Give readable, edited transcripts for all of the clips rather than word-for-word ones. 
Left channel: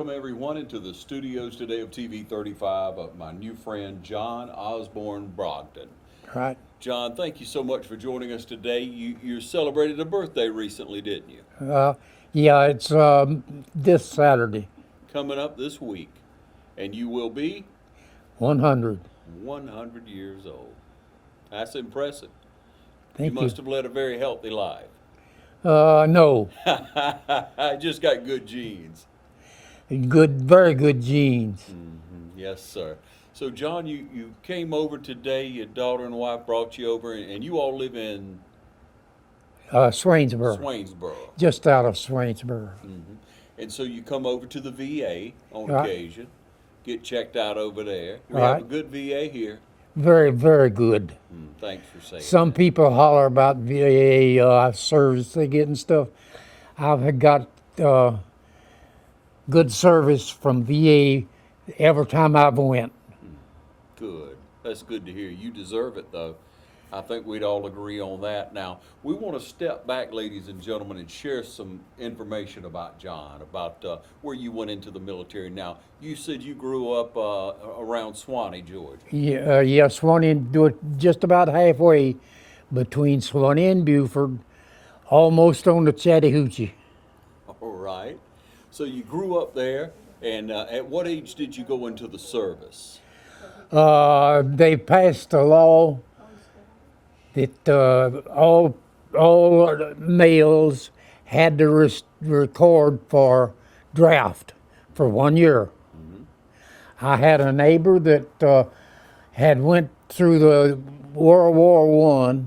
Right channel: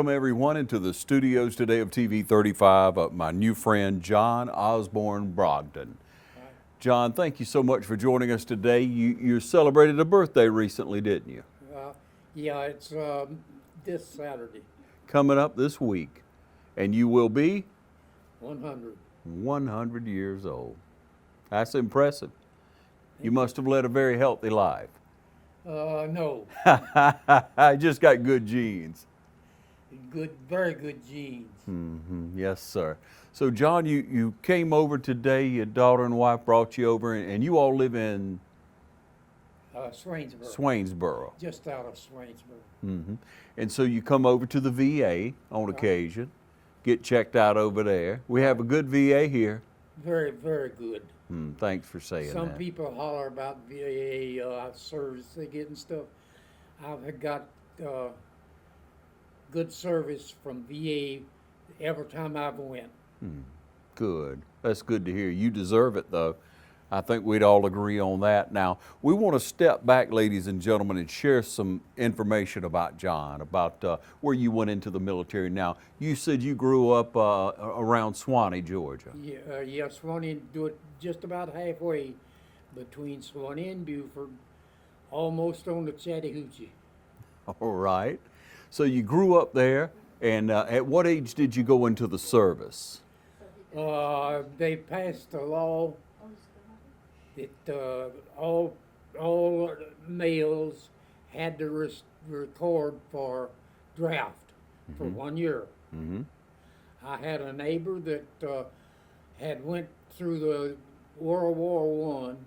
welcome everyone into the studios today of TV 35 of my new friend John Osborn Brogdon. Right. John, thank you so much for joining us today. You celebrated a birthday recently, didn't you? Yeah, it's this Saturday. Coming up this week. And you will be 100. 100 years old. That's impressive. Thank You must have led a very healthy life. No. I just got good genes. Good, very good genes. Yes, sir. So, John, you came over today. Your daughter and wife brought you over, and you all live in Swainsboro. Swainsboro. Just out of Swainsboro. And so you come over to the VA on Right. occasion, get checked out over there. We have a Right. good VA here. Very, very good. Thanks for saying Some that. people holler about VA service they get and stuff. I've got good service from VA every time I've went. Good. That's good to hear. You deserve it, though. I think we'd all agree on that. Now, we want to step back, ladies and gentlemen, and share some information about John, about where you went into the military. Now, you said you grew up around Swanee, Georgia. Yeah, Swanee, do it just about halfway between Swanee and Beaufort, almost on the Chattahoochee. All right. So you grew up there, and at what age did you go into the service? They passed a law that all males had to record for draft for 1 year. I had a neighbor that had went through the World War I,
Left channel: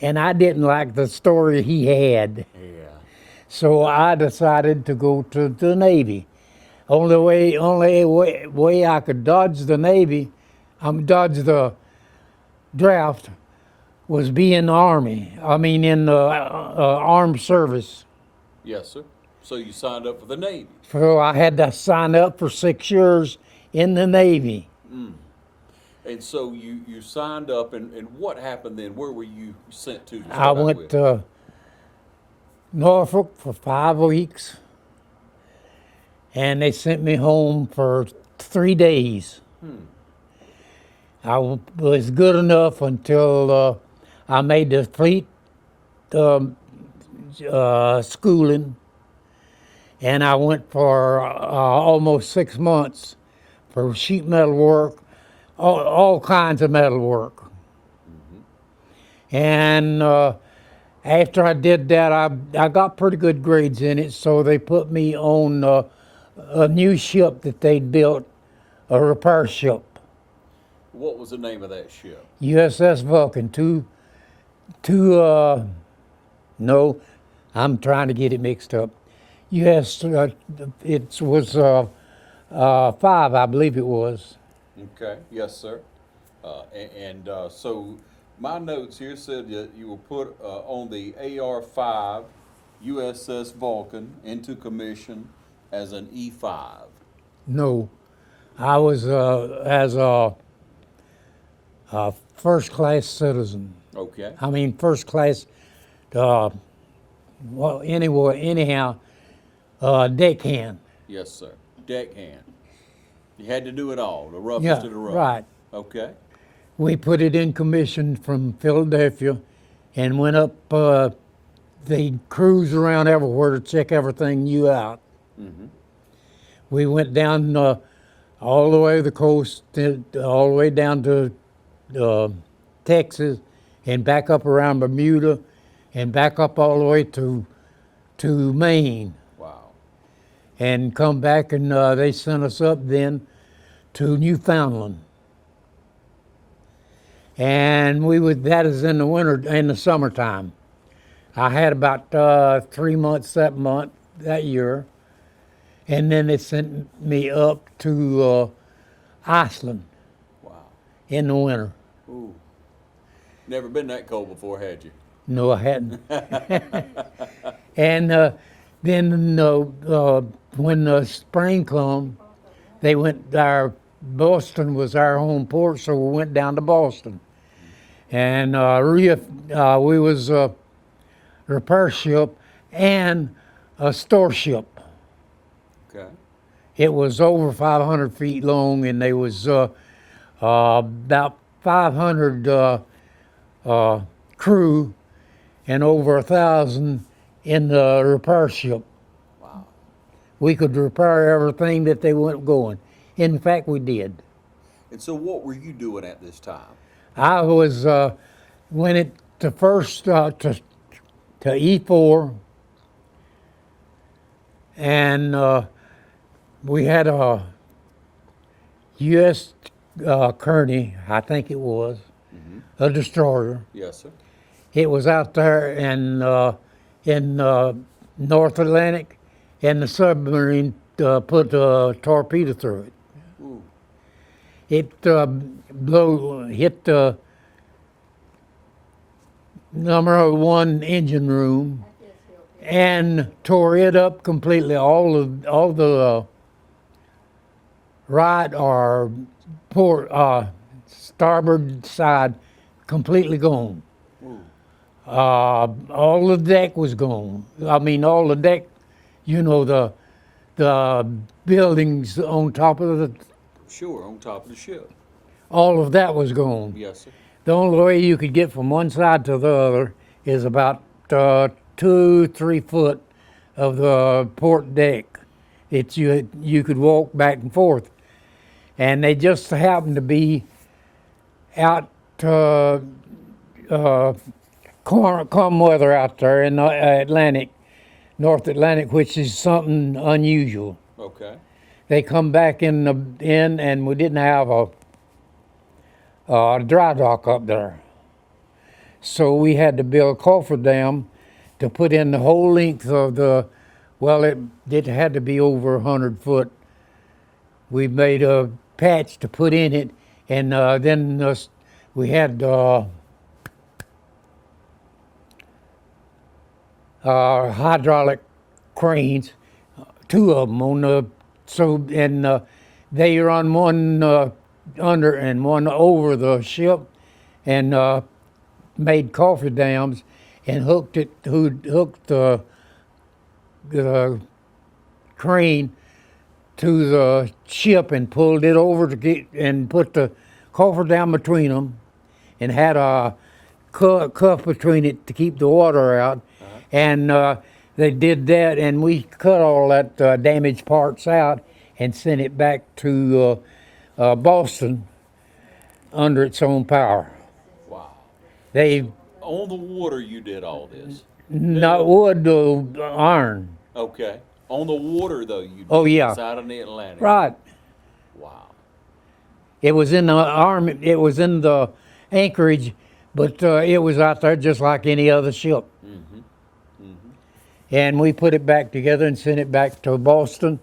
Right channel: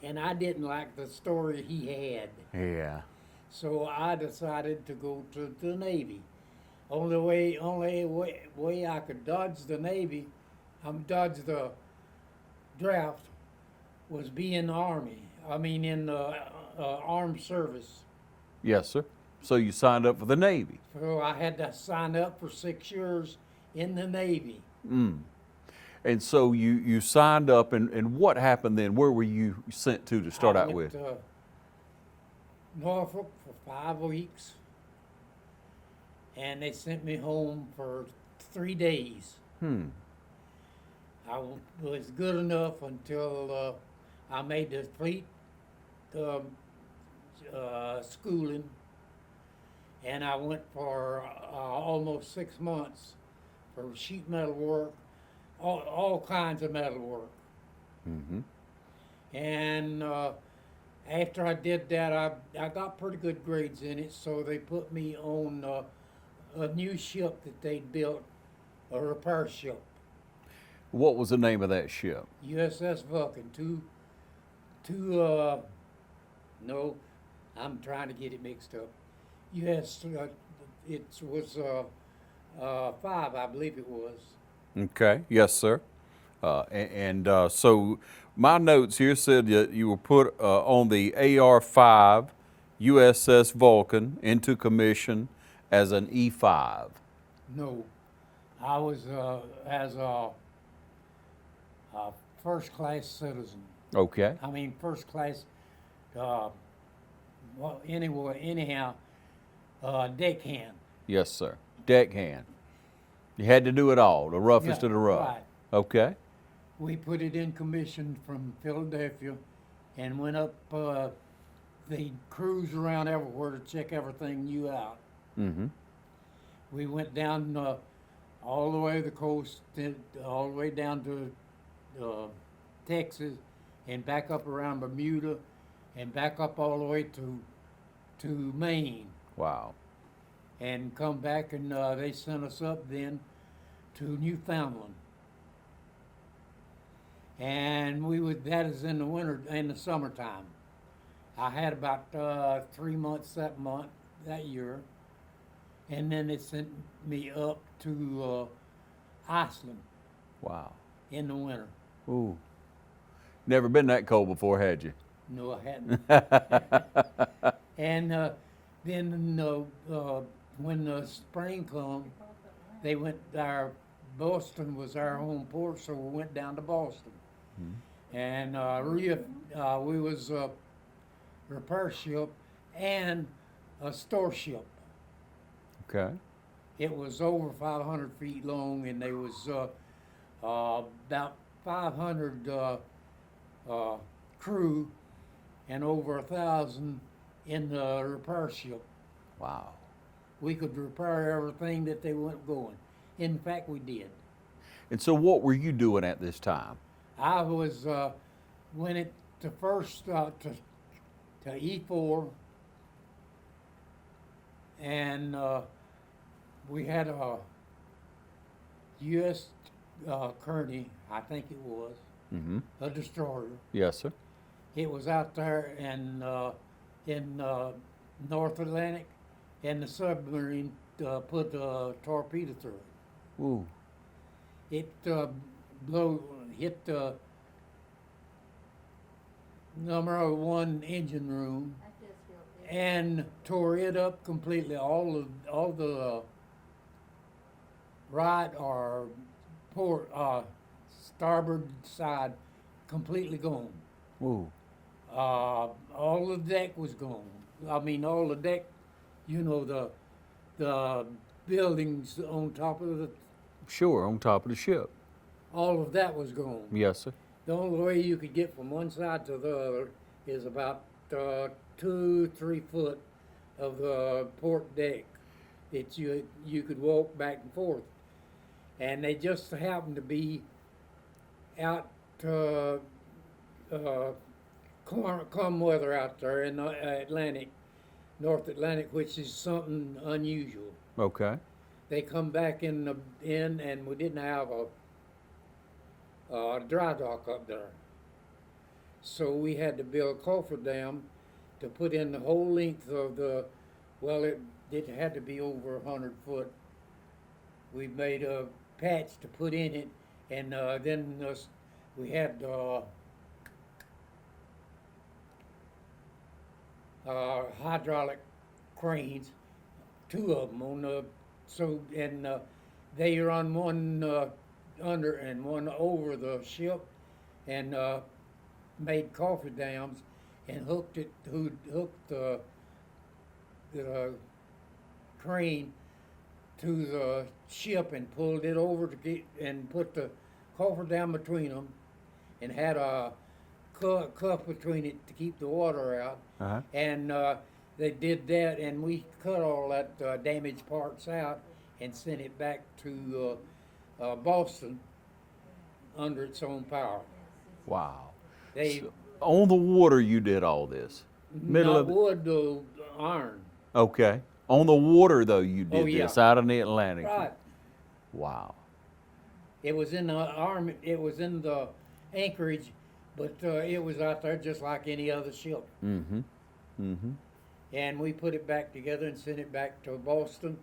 and I didn't like the story he had. Yeah. So I decided to go to the Navy. Only way I could dodge the Navy, dodge the draft, was be in the Army. I mean, in the armed service. Yes, sir. So you signed up for the Navy. So I had to sign up for 6 years in the Navy. And so you signed up, and what happened then? Where were you sent to I start out went with? to Norfolk for 5 weeks, and they sent me home for 3 days. I was good enough until I made the fleet schooling, and I went for almost 6 months for sheet metal work, all kinds of metal work. And after I did that, I got pretty good grades in it, so they put me on a new ship that they'd built, a repair ship. What was the name of that ship? USS Vulcan, no, I'm trying to get it mixed up. It was 5, I believe it was. Okay. Yes, sir. So my notes here said that you were put on the AR-5 USS Vulcan into commission as an E-5. No, I was as a first-class citizen. Okay. I mean, first class, anyhow, deckhand. Yes, sir. Deckhand. You had to do it all, the roughest of the rough. Right. Okay. We put it in commission from Philadelphia and went up, they cruise around everywhere to check everything new out. We went down all the way to the coast, all the way down to Texas, and back up around Bermuda, and back up all the way to Maine, Wow. and come back, and they sent us up then to Newfoundland. And that is in the winter, in the summertime. I had about 3 months that year, and then they sent me up to Iceland Wow. in the winter. Ooh. Never been that cold before, had you? No, I hadn't. And then when the spring come, they went. Boston was our home port, so we went down to Boston. And we was a repair ship and a store ship. Okay. It was over 500 feet long, and there was about 500 crew and over 1,000 in the repair ship. Wow. We could repair everything that they went going. In fact, we did. And so what were you doing at this time? I was when it to first to E4, and we had a U.S. Kearney, I think it was, a destroyer. Yes, sir. It was out there in North Atlantic, and the submarine put a torpedo through it. Ooh. It hit the #1 engine room and tore it up completely. All the right or port starboard side completely gone. Ooh. All the deck was gone. I mean, all the deck, the buildings on top of the, Sure, on top of the ship. all of that was gone. Yes, sir. The only way you could get from one side to the other is about 2-3 foot of the port deck. You could walk back and forth, and they just happened to be out calm weather out there in the North Atlantic, which is something unusual. Okay. They come back in, and we didn't have a dry dock up there. So we had to build a cofferdam to put in the whole length of it had to be over 100 foot. We made a patch to put in it, and then we had hydraulic cranes, 2 of them on the, they run one under and one over the ship, and made cofferdams and hooked the crane to the ship and pulled it over and put the cofferdam between them, and had a cuff between it to keep the water out. Uh-huh. And they did that, and we cut all that damaged parts out and sent it back to Boston under its own power. Wow. They On the water you did all this? not wood, iron. Okay. On the water, though, you did this out in the Atlantic? Right. Wow. It was in the army. It was in the anchorage, but it was out there just like any other ship. Mm-hmm. Mm-hmm. And we put it back together and sent it back to Boston,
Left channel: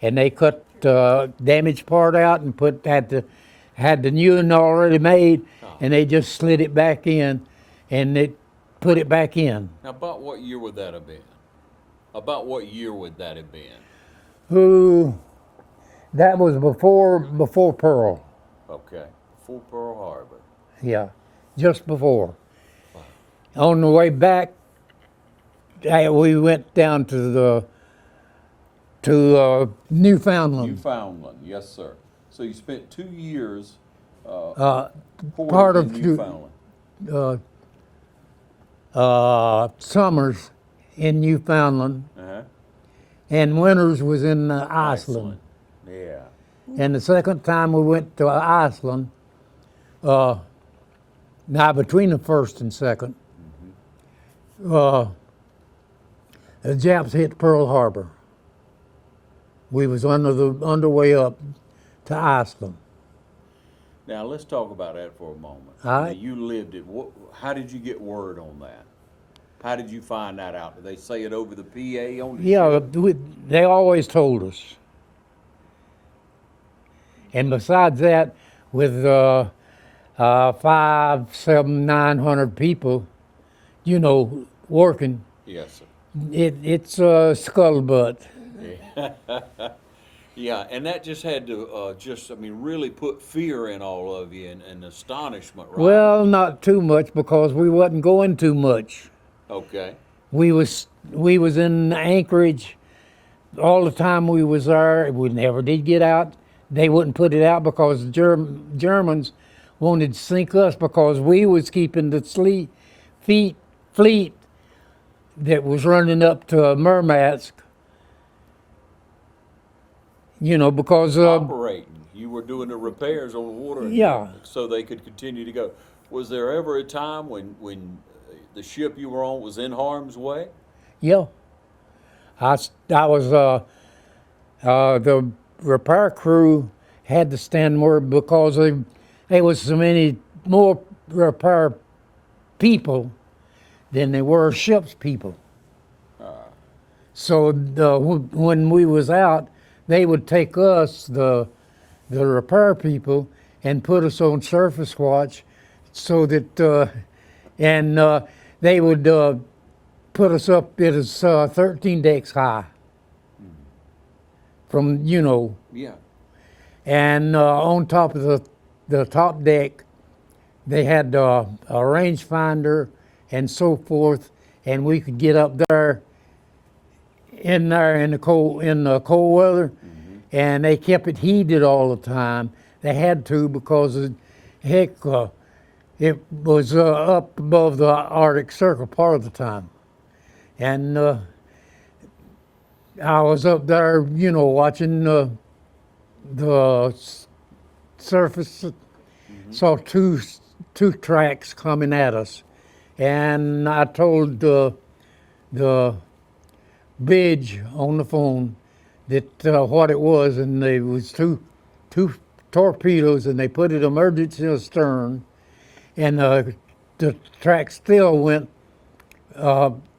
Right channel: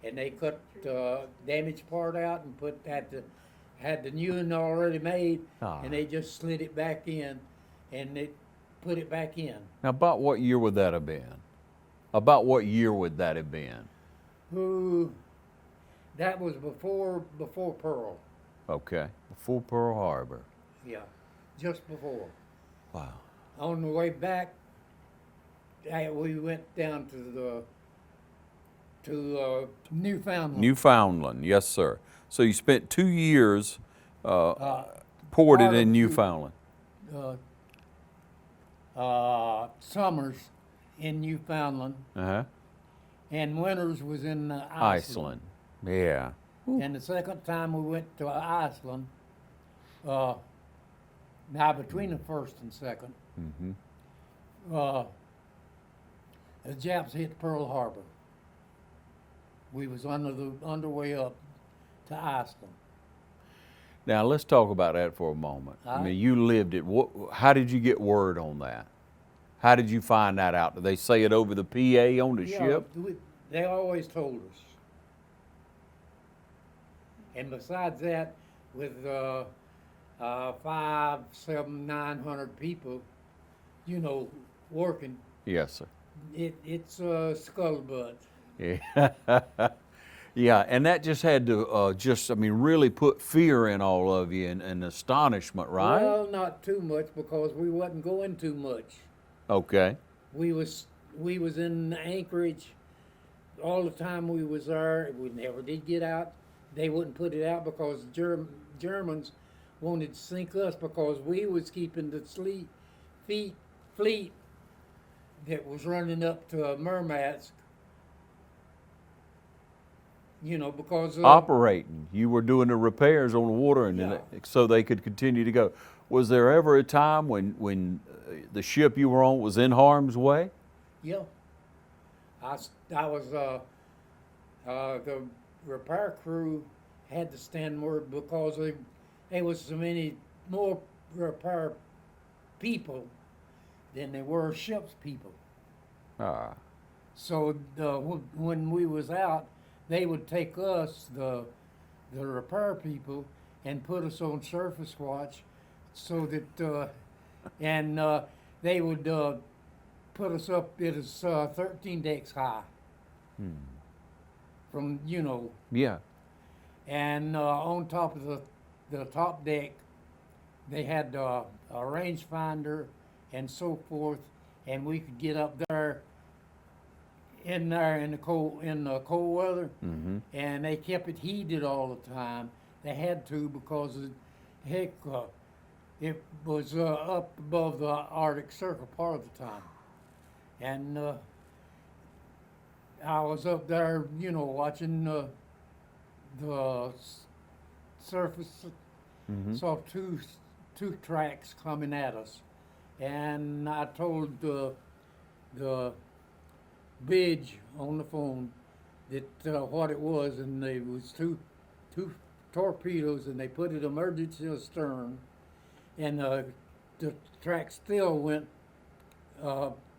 and they cut the damaged part out and had the new one already made, and they just slid it back in, and they put it back in. Now, about what year would that have been? About what year would that have been? That was before Pearl. Okay. Before Pearl Harbor. Yeah, just before. Wow. On the way back, we went down to Newfoundland. Newfoundland, yes, sir. So you spent 2 years part ported of in Newfoundland. Summers in Newfoundland, Uh-huh. and winters was in Iceland. Yeah. And the second time we went to Iceland, now between the first and second, the Japs hit Pearl Harbor. We was underway up to Iceland. Now let's talk about that for a moment. All right. Now, you lived it. How did you get word on that? How did you find that out? Did they say it over the PA on the ship? They always told us. And besides that, with 500, 700, 900 people, working, Yes, sir. it's a scuttlebutt. Yeah. Yeah, and that just had to really put fear in all of you and astonishment, right? Well, not too much, because we wasn't going too much. Okay. We was in Anchorage all the time we was there, we never did get out. They wouldn't put it out because the Germans wanted to sink us because we was keeping the fleet that was running up to Murmansk. You know, because Operating. You were doing the repairs on the water, and Yeah. so they could continue to go. Was there ever a time when the ship you were on was in harm's way? yeah, I was the repair crew had to stand more because there was so many more repair people than there were ship's people. So when we was out, they would take us, the repair people, and put us on surface watch, so that they would put us up. It is 13 decks high. From Yeah. and on top of the top deck, they had a rangefinder and so forth, and we could get up there in the cold weather, and they kept it heated all the time. They had to because heck, it was up above the Arctic Circle part of the time, and I was up there, watching the surface. Saw two tracks coming at us, and I told the bridge on the phone that what it was, and there was two torpedoes, and they put it emergency astern, and the track still went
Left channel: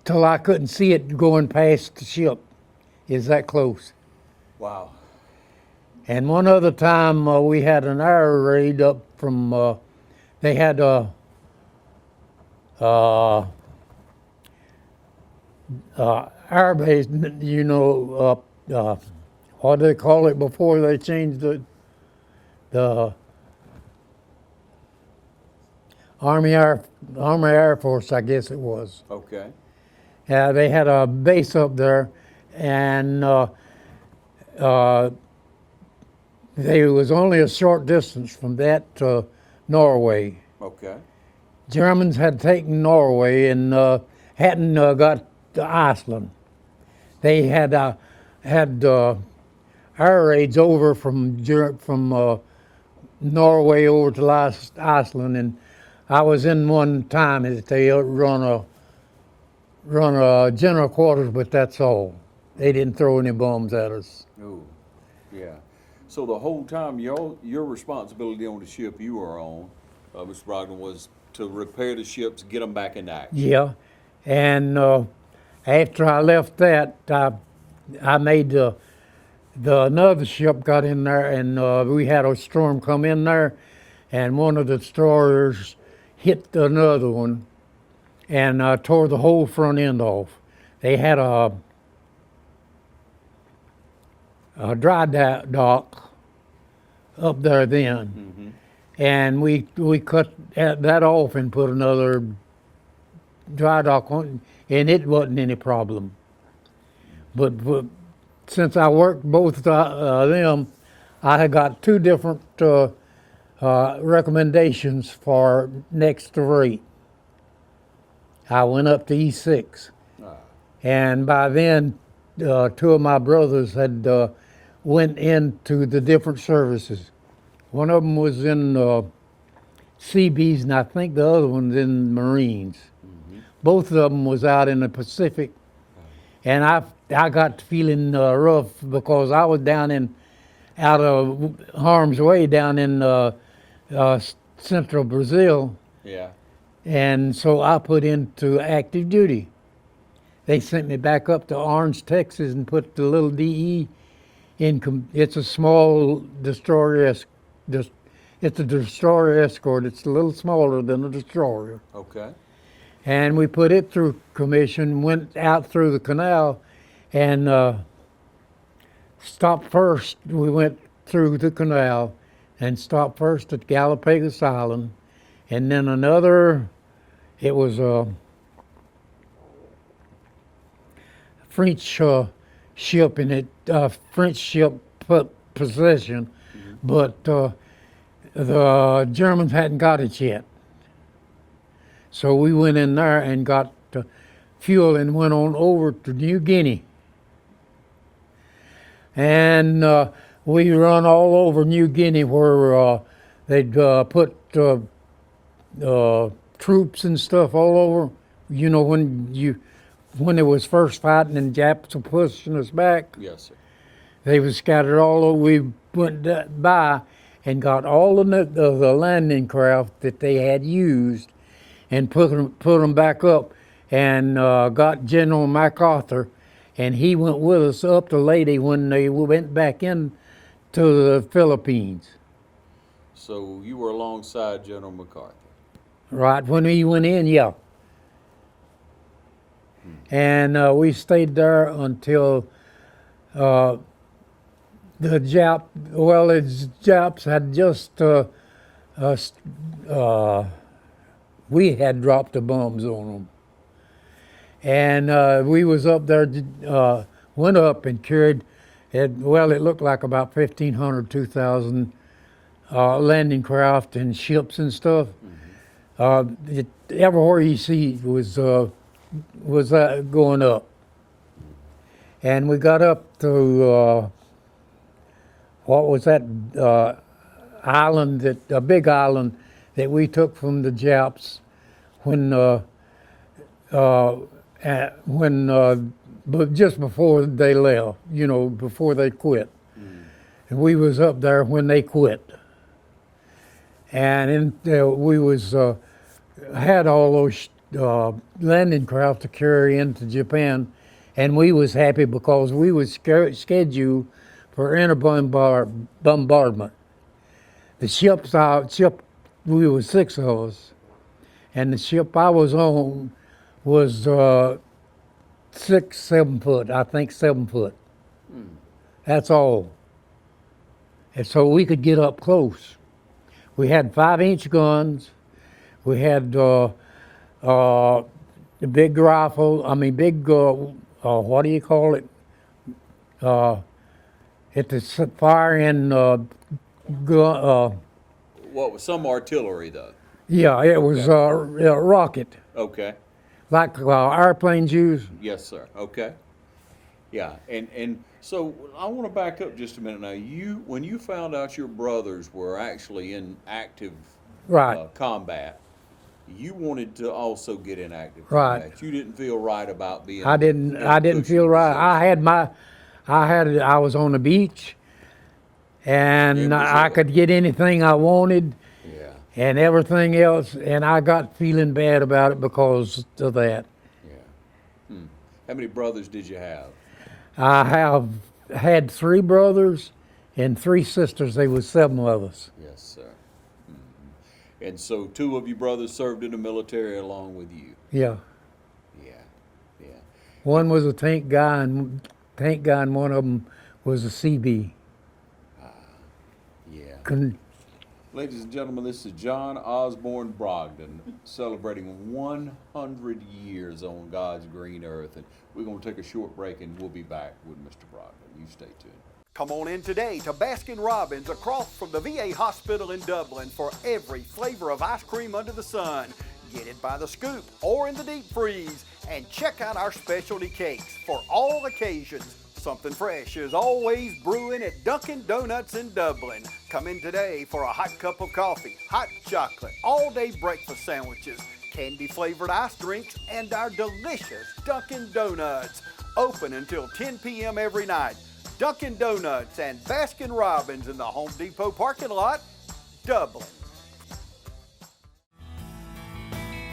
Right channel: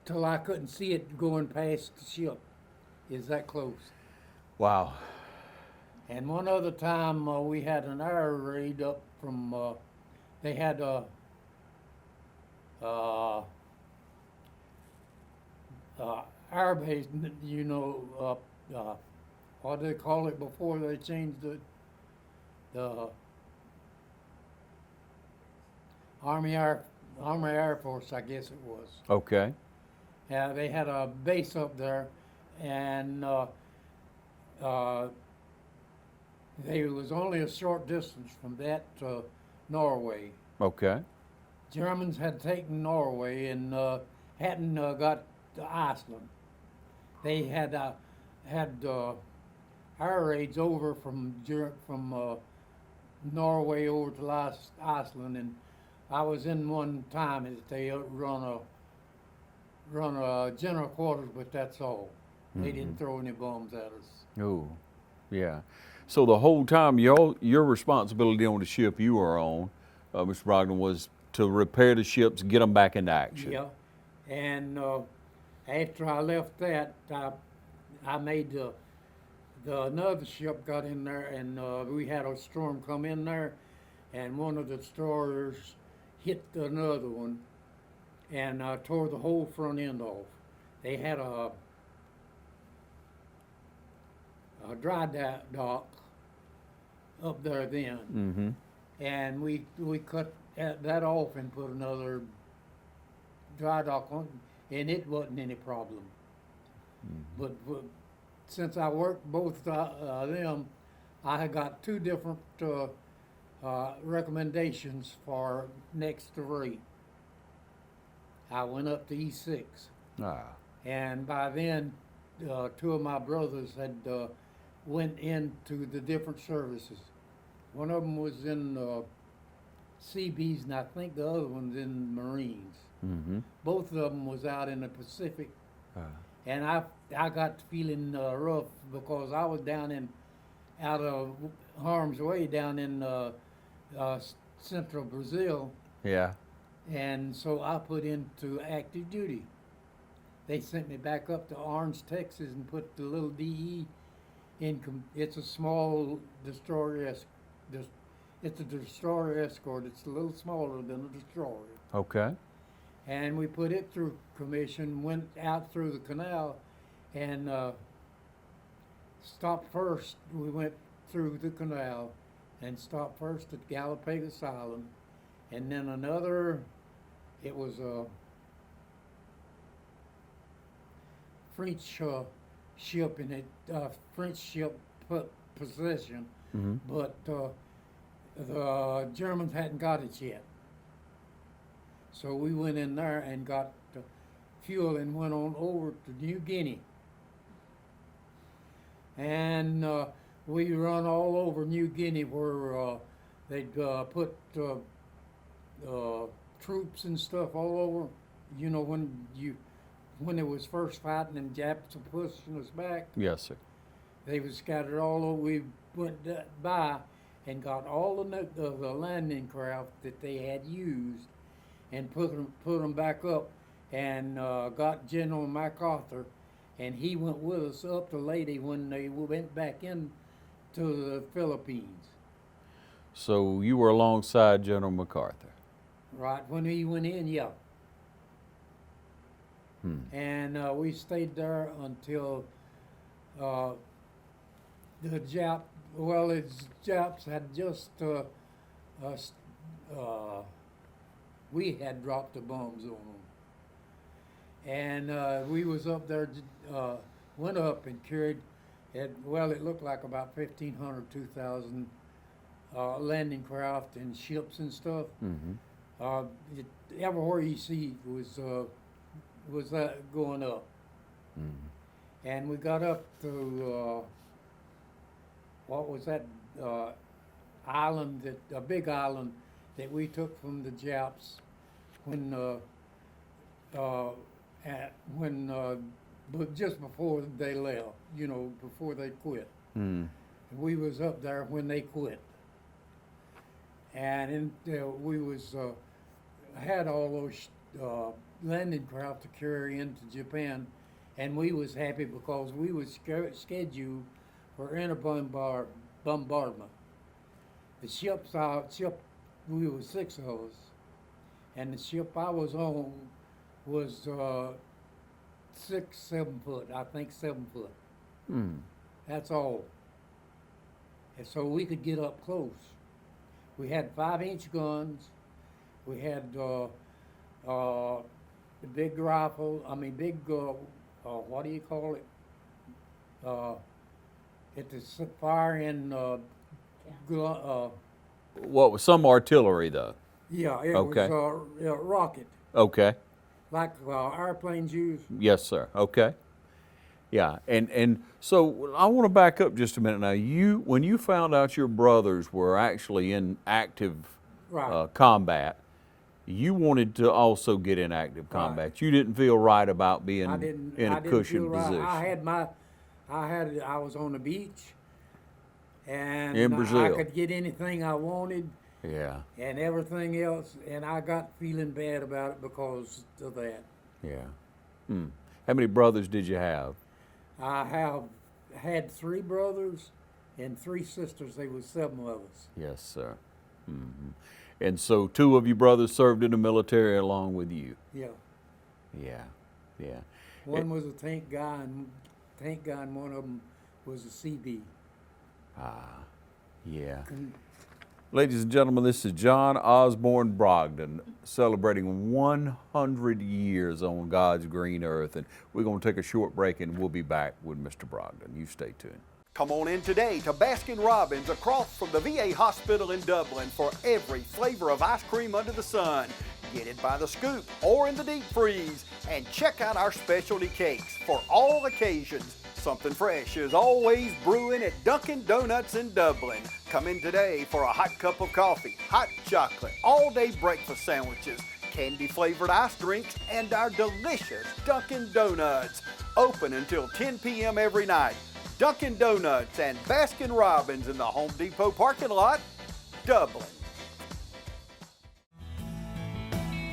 till I couldn't see it going past the ship. Is that close? Wow. And one other time we had an air raid up from, they had air base, what do they call it before they changed the Army Air Force, I guess it was. Okay. Yeah, they had a base up there, and they was only a short distance from that to Norway. Okay. Germans had taken Norway and hadn't got to Iceland. They had air raids over from Norway over to Iceland, and I was in one time that they run a general quarters, but that's all. They didn't throw any bombs at us. Oh, yeah. So the whole time, your responsibility on the ship you were on, Mr. Brogdon, was to repair the ships, get them back into action. Yeah, and after I left that, I made another ship got in there, and we had a storm come in there, and one of the destroyers hit another one, and tore the whole front end off. They had a dry dock up there then, and we cut that off and put another dry dock on, and it wasn't any problem. But since I worked both them, I had got two different recommendations for next rate. I went up to E6, and by then two of my brothers had went into the different services. One of them was in Seabees, and I think the other one's in Marines. Both of them was out in the Pacific, and I got feeling rough because I was out of harm's way down in central Brazil. Yeah. And so I put into active duty. They sent me back up to Orange, Texas, and put the little DE in. It's a small destroyer. It's a destroyer escort. It's a little smaller than a destroyer. Okay. And we put it through commission, went out through the canal, and stopped first. We went through the canal and stopped first at Galapagos Island, and then it was a French ship in it, French ship possession, but the Germans hadn't got it yet. So we went in there and got fuel and went on over to New Guinea. And we run all over New Guinea where they'd put troops and stuff all over. You know, when it was first fighting and Japs were pushing us back, Yes, sir. they was scattered all over. We went by and got all of the landing craft that they had used and put them back up, and got General MacArthur, and he went with us up to Leyte when they went back in to the Philippines. So you were alongside General MacArthur. Right when he went in, yeah. And we stayed there until the Japs had just we had dropped the bombs on them. And we was up there, went up and carried, it looked like about 1,500, 2,000 landing craft and ships and stuff. Everywhere you see was going up. And we got up to, what was that island, a big island that we took from the Japs but just before they left, you know, before they quit. And we was up there when they quit. And we was had all those landing craft to carry into Japan, and we was happy because we was scheduled for inter bombardment. The ship, we was 6 of us, and the ship I was on was 6, 7 foot, I think 7 foot. That's all. And so we could get up close. We had 5-inch guns. We had the big rifle, what do you call it? It was firing What was some artillery though? yeah, it was a rocket, Okay. like airplanes use. Yes, sir. Okay. Yeah, and so I want to back up just a minute now. When you found out your brothers were actually in active Right. combat, you wanted to also get in active Right. combat. You didn't feel right about being. I in a didn't cushy feel right. position. I was on the beach, and In I Brazil. could get anything I wanted Yeah, and everything else, and I got feeling bad about it because of that. yeah. How many brothers did you have? I have had 3 brothers and 3 sisters. There was 7 of us. Yes, sir. And so 2 of your brothers served in the military along with you. Yeah. Yeah, yeah. One was a tank guy, and one of them was a CB. Yeah. Con- Ladies and gentlemen, this is John Osborn Brogdon celebrating 100 years on God's green earth. And we're going to take a short break and we'll be back with Mr. Brogdon. You stay tuned. Come on in today to Baskin-Robbins across from the VA hospital in Dublin for every flavor of ice cream under the sun. Get it by the scoop or in the deep freeze, and check out our specialty cakes for all occasions. Something fresh is always brewing at Dunkin' Donuts in Dublin. Come in today for a hot cup of coffee, hot chocolate, all-day breakfast sandwiches, candy-flavored ice drinks, and our delicious Dunkin' Donuts. Open until 10 p.m. every night. Dunkin' Donuts and Baskin-Robbins in the Home Depot parking lot, Dublin.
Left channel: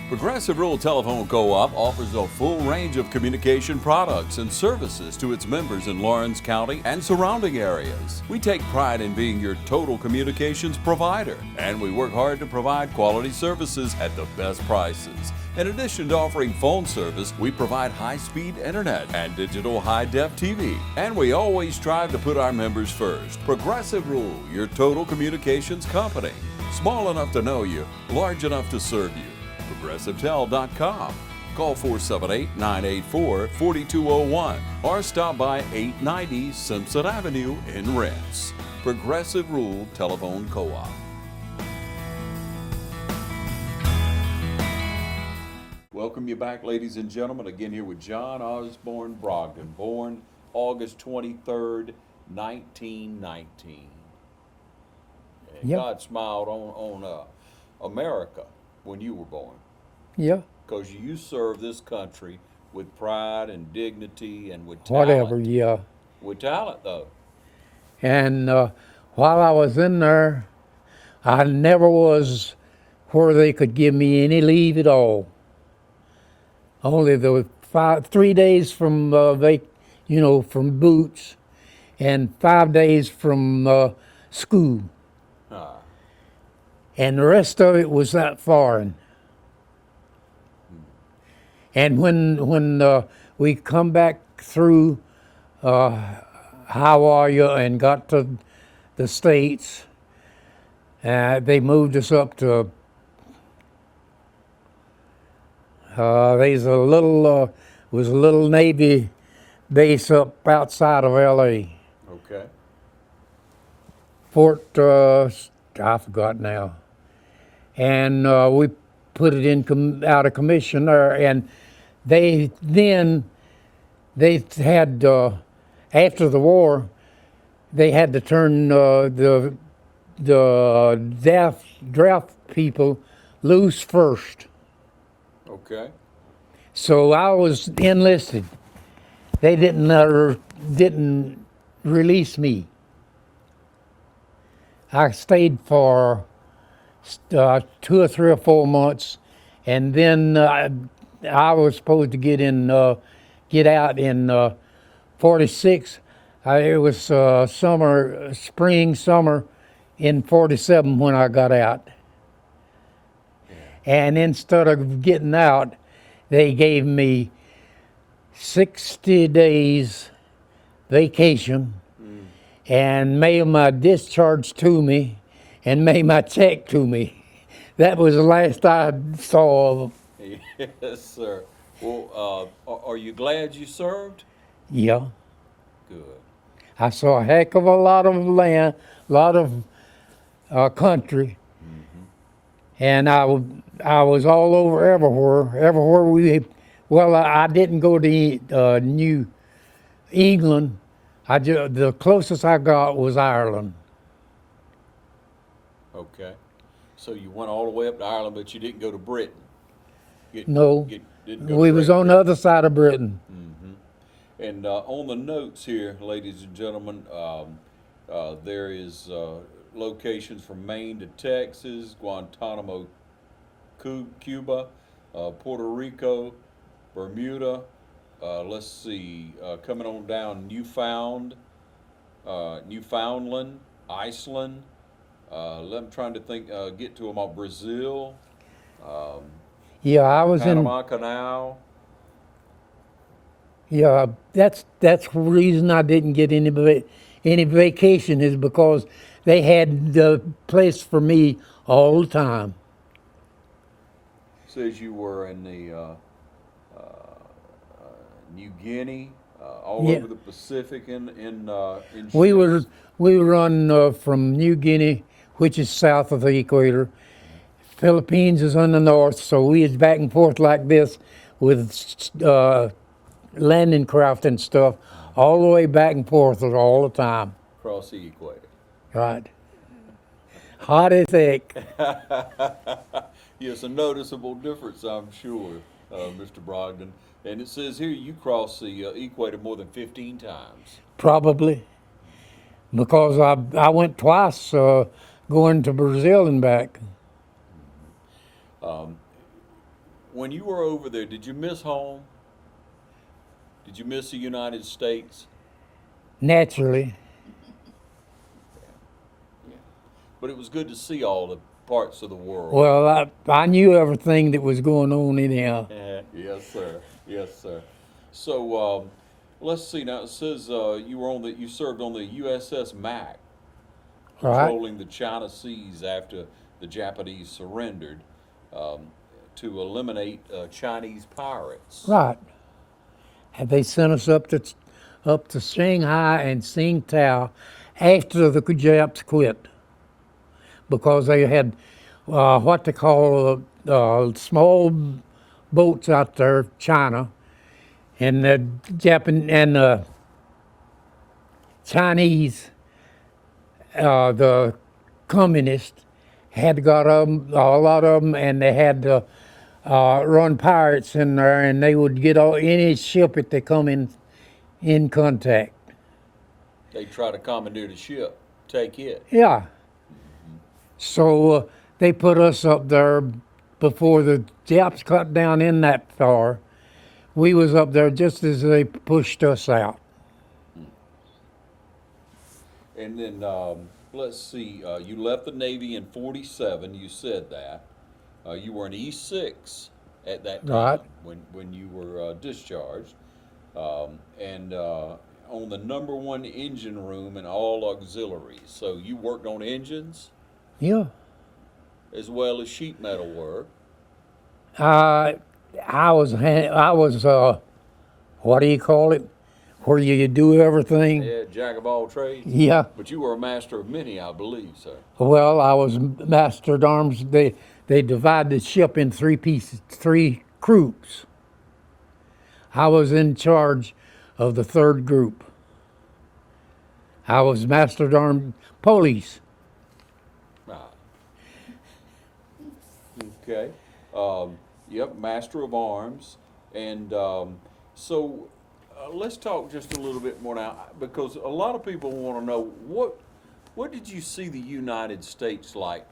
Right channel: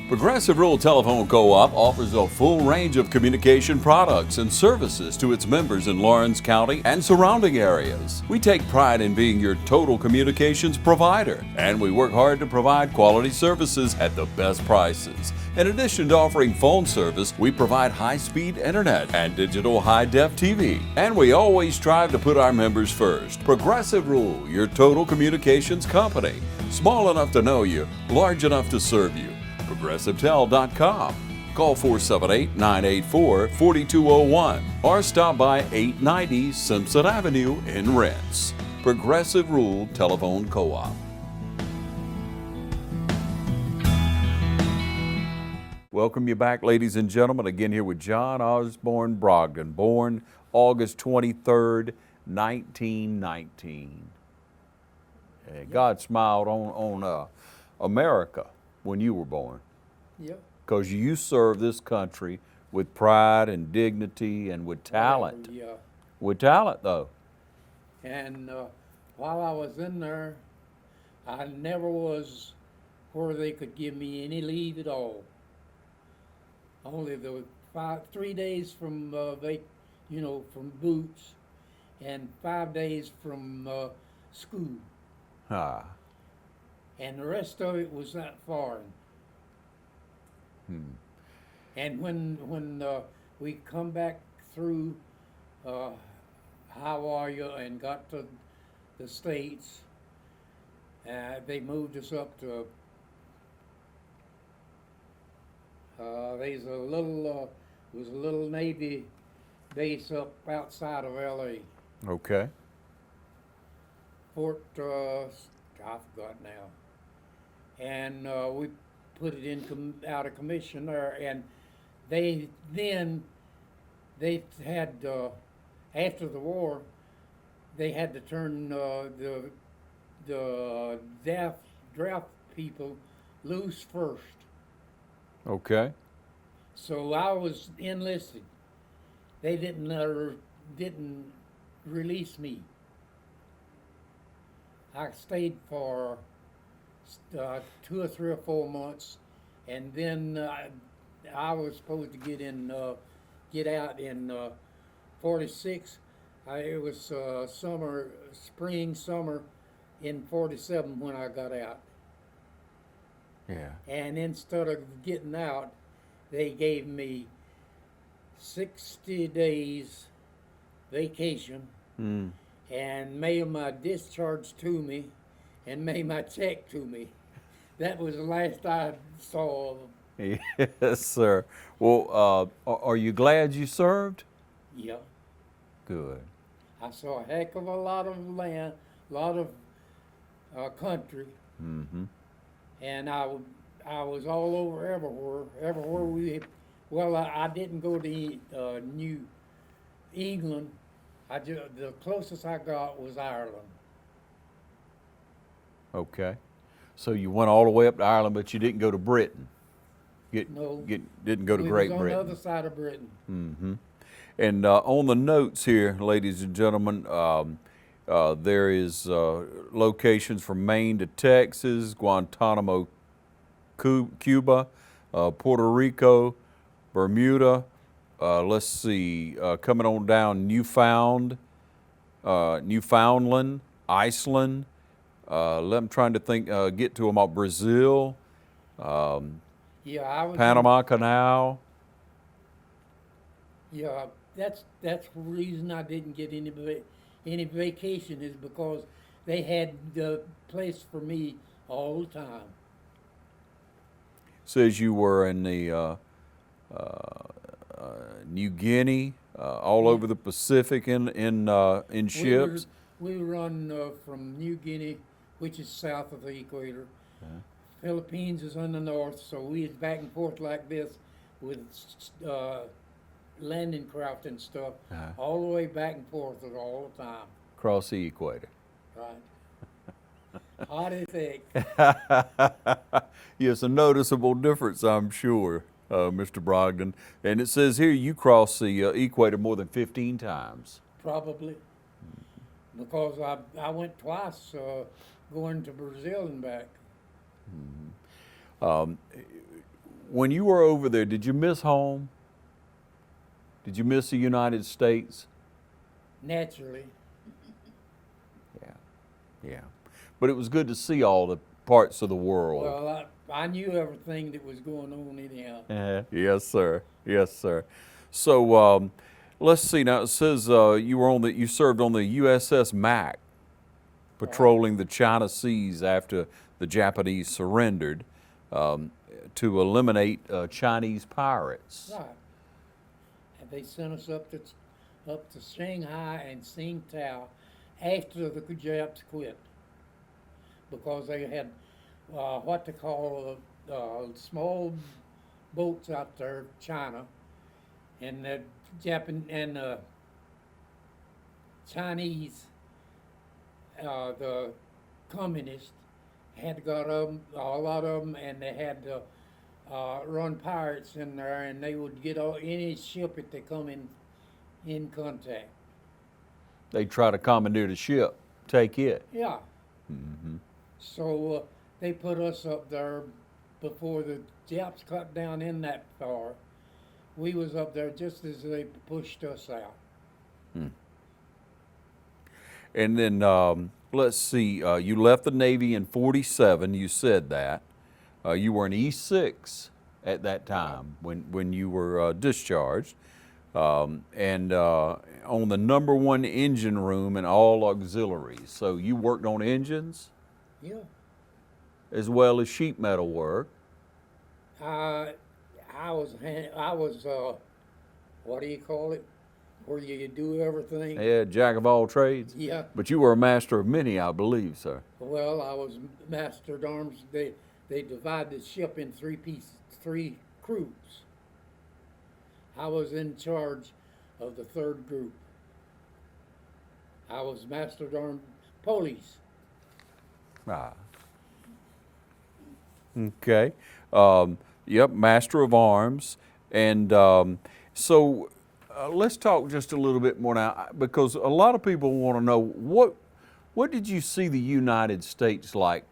Progressive Rural Telephone Co-op offers a full range of communication products and services to its members in Lawrence County and surrounding areas. We take pride in being your total communications provider, and we work hard to provide quality services at the best prices. In addition to offering phone service, we provide high-speed internet and digital high-def TV. And we always strive to put our members first. Progressive Rural, your total communications company. Small enough to know you, large enough to serve you. ProgressiveTel.com. Call 478-984-4201 or stop by 890 Simpson Avenue in Rents. Progressive Rural Telephone Co-op. Welcome you back, ladies and gentlemen. Again here with John Osborn Brogdon, born August 23rd, 1919. And Yep. God smiled on America when you were born, Yeah, because you served this country with pride and dignity and with talent. whatever, yeah. With talent, though. And while I was in there, I never was where they could give me any leave at all. Only the 3 days from from boots, and 5 days from school, Ah, and the rest of it was that foreign. And when we come back through Hawaii and got to the States, they moved us up to. There's a little was a little Navy base up outside of L.A. okay. Fort I forgot now, and we put it in out of commission there, and they had after the war they had to turn the draft people loose first. Okay. So I was enlisted. They didn't release me. I stayed for 2 or 3 or 4 months, and then I was supposed to get out in 46. It was spring, summer in 47 when I got out. Yeah. And instead of getting out, they gave me 60 days vacation and mailed my discharge to me and made my check to me. That was the last I saw of them. Yes, sir. Well, are you glad you served? Yeah. Good. I saw a heck of a lot of land, a lot of country, and I was all over everywhere we. Well, I didn't go to New England. The closest I got was Ireland. Okay. So you went all the way up to Ireland, but you didn't go to Britain. No, Didn't go to we was Great on Britain. the other side of Britain. And on the notes here, ladies and gentlemen, there is locations from Maine to Texas, Guantanamo, Cuba, Puerto Rico, Bermuda. Let's see, coming on down, Newfoundland, Iceland. I'm trying to think, get to them all. Brazil, Yeah, I was Panama Canal. Yeah, that's the reason I didn't get any vacation is because they had the place for me all the time. Says you were in the New Guinea, all Yeah. over the Pacific in ships. We were on from New Guinea, which is south of the equator. Philippines is on the north, so we was back and forth like this with landing craft and stuff, all the way back and forth all the time. Across the equator. Right. Hot as heck. Yes, a noticeable difference, I'm sure, Mr. Brogdon. And it says here you crossed the equator more than 15 times. Probably. Because I went twice going to Brazil and back. When you were over there, did you miss home? Did you miss the United States? Naturally. Yeah. But it was good to see all the parts of the world. Well, I knew everything that was going on anyhow. Yes, sir. Yes, sir. So let's see. Now it says you served on the USS Mac, patrolling the China Seas after the Japanese surrendered. to eliminate Chinese pirates. Right. And they sent us up to Shanghai and Tsingtao after the Japs quit, because they had what they call small boats out there, China, and the Chinese, the communists had got a lot of them, and they had to run pirates in there, and they would get any ship that they come in contact. They try to commandeer the ship, take it. Yeah. So they put us up there before the Japs cut down in that far. We was up there just as they pushed us out. And then let's see, you left the Navy in 47, you said that. You were an E6 at that time when you were discharged. And on the #1 engine room and all auxiliaries. So you worked on engines Yeah. as well as sheet metal work. I was what do you call it? Where you do everything. Yeah, jack of all trades. Yeah. But you were a master of many, I believe, sir. Well, I was master at arms. They divide the ship in 3 pieces, 3 groups. I was in charge of the 3rd group. I was master at arms police. Right. Okay. Yep, master of arms. And so let's talk just a little bit more now, because a lot of people want to know what did you see the United States like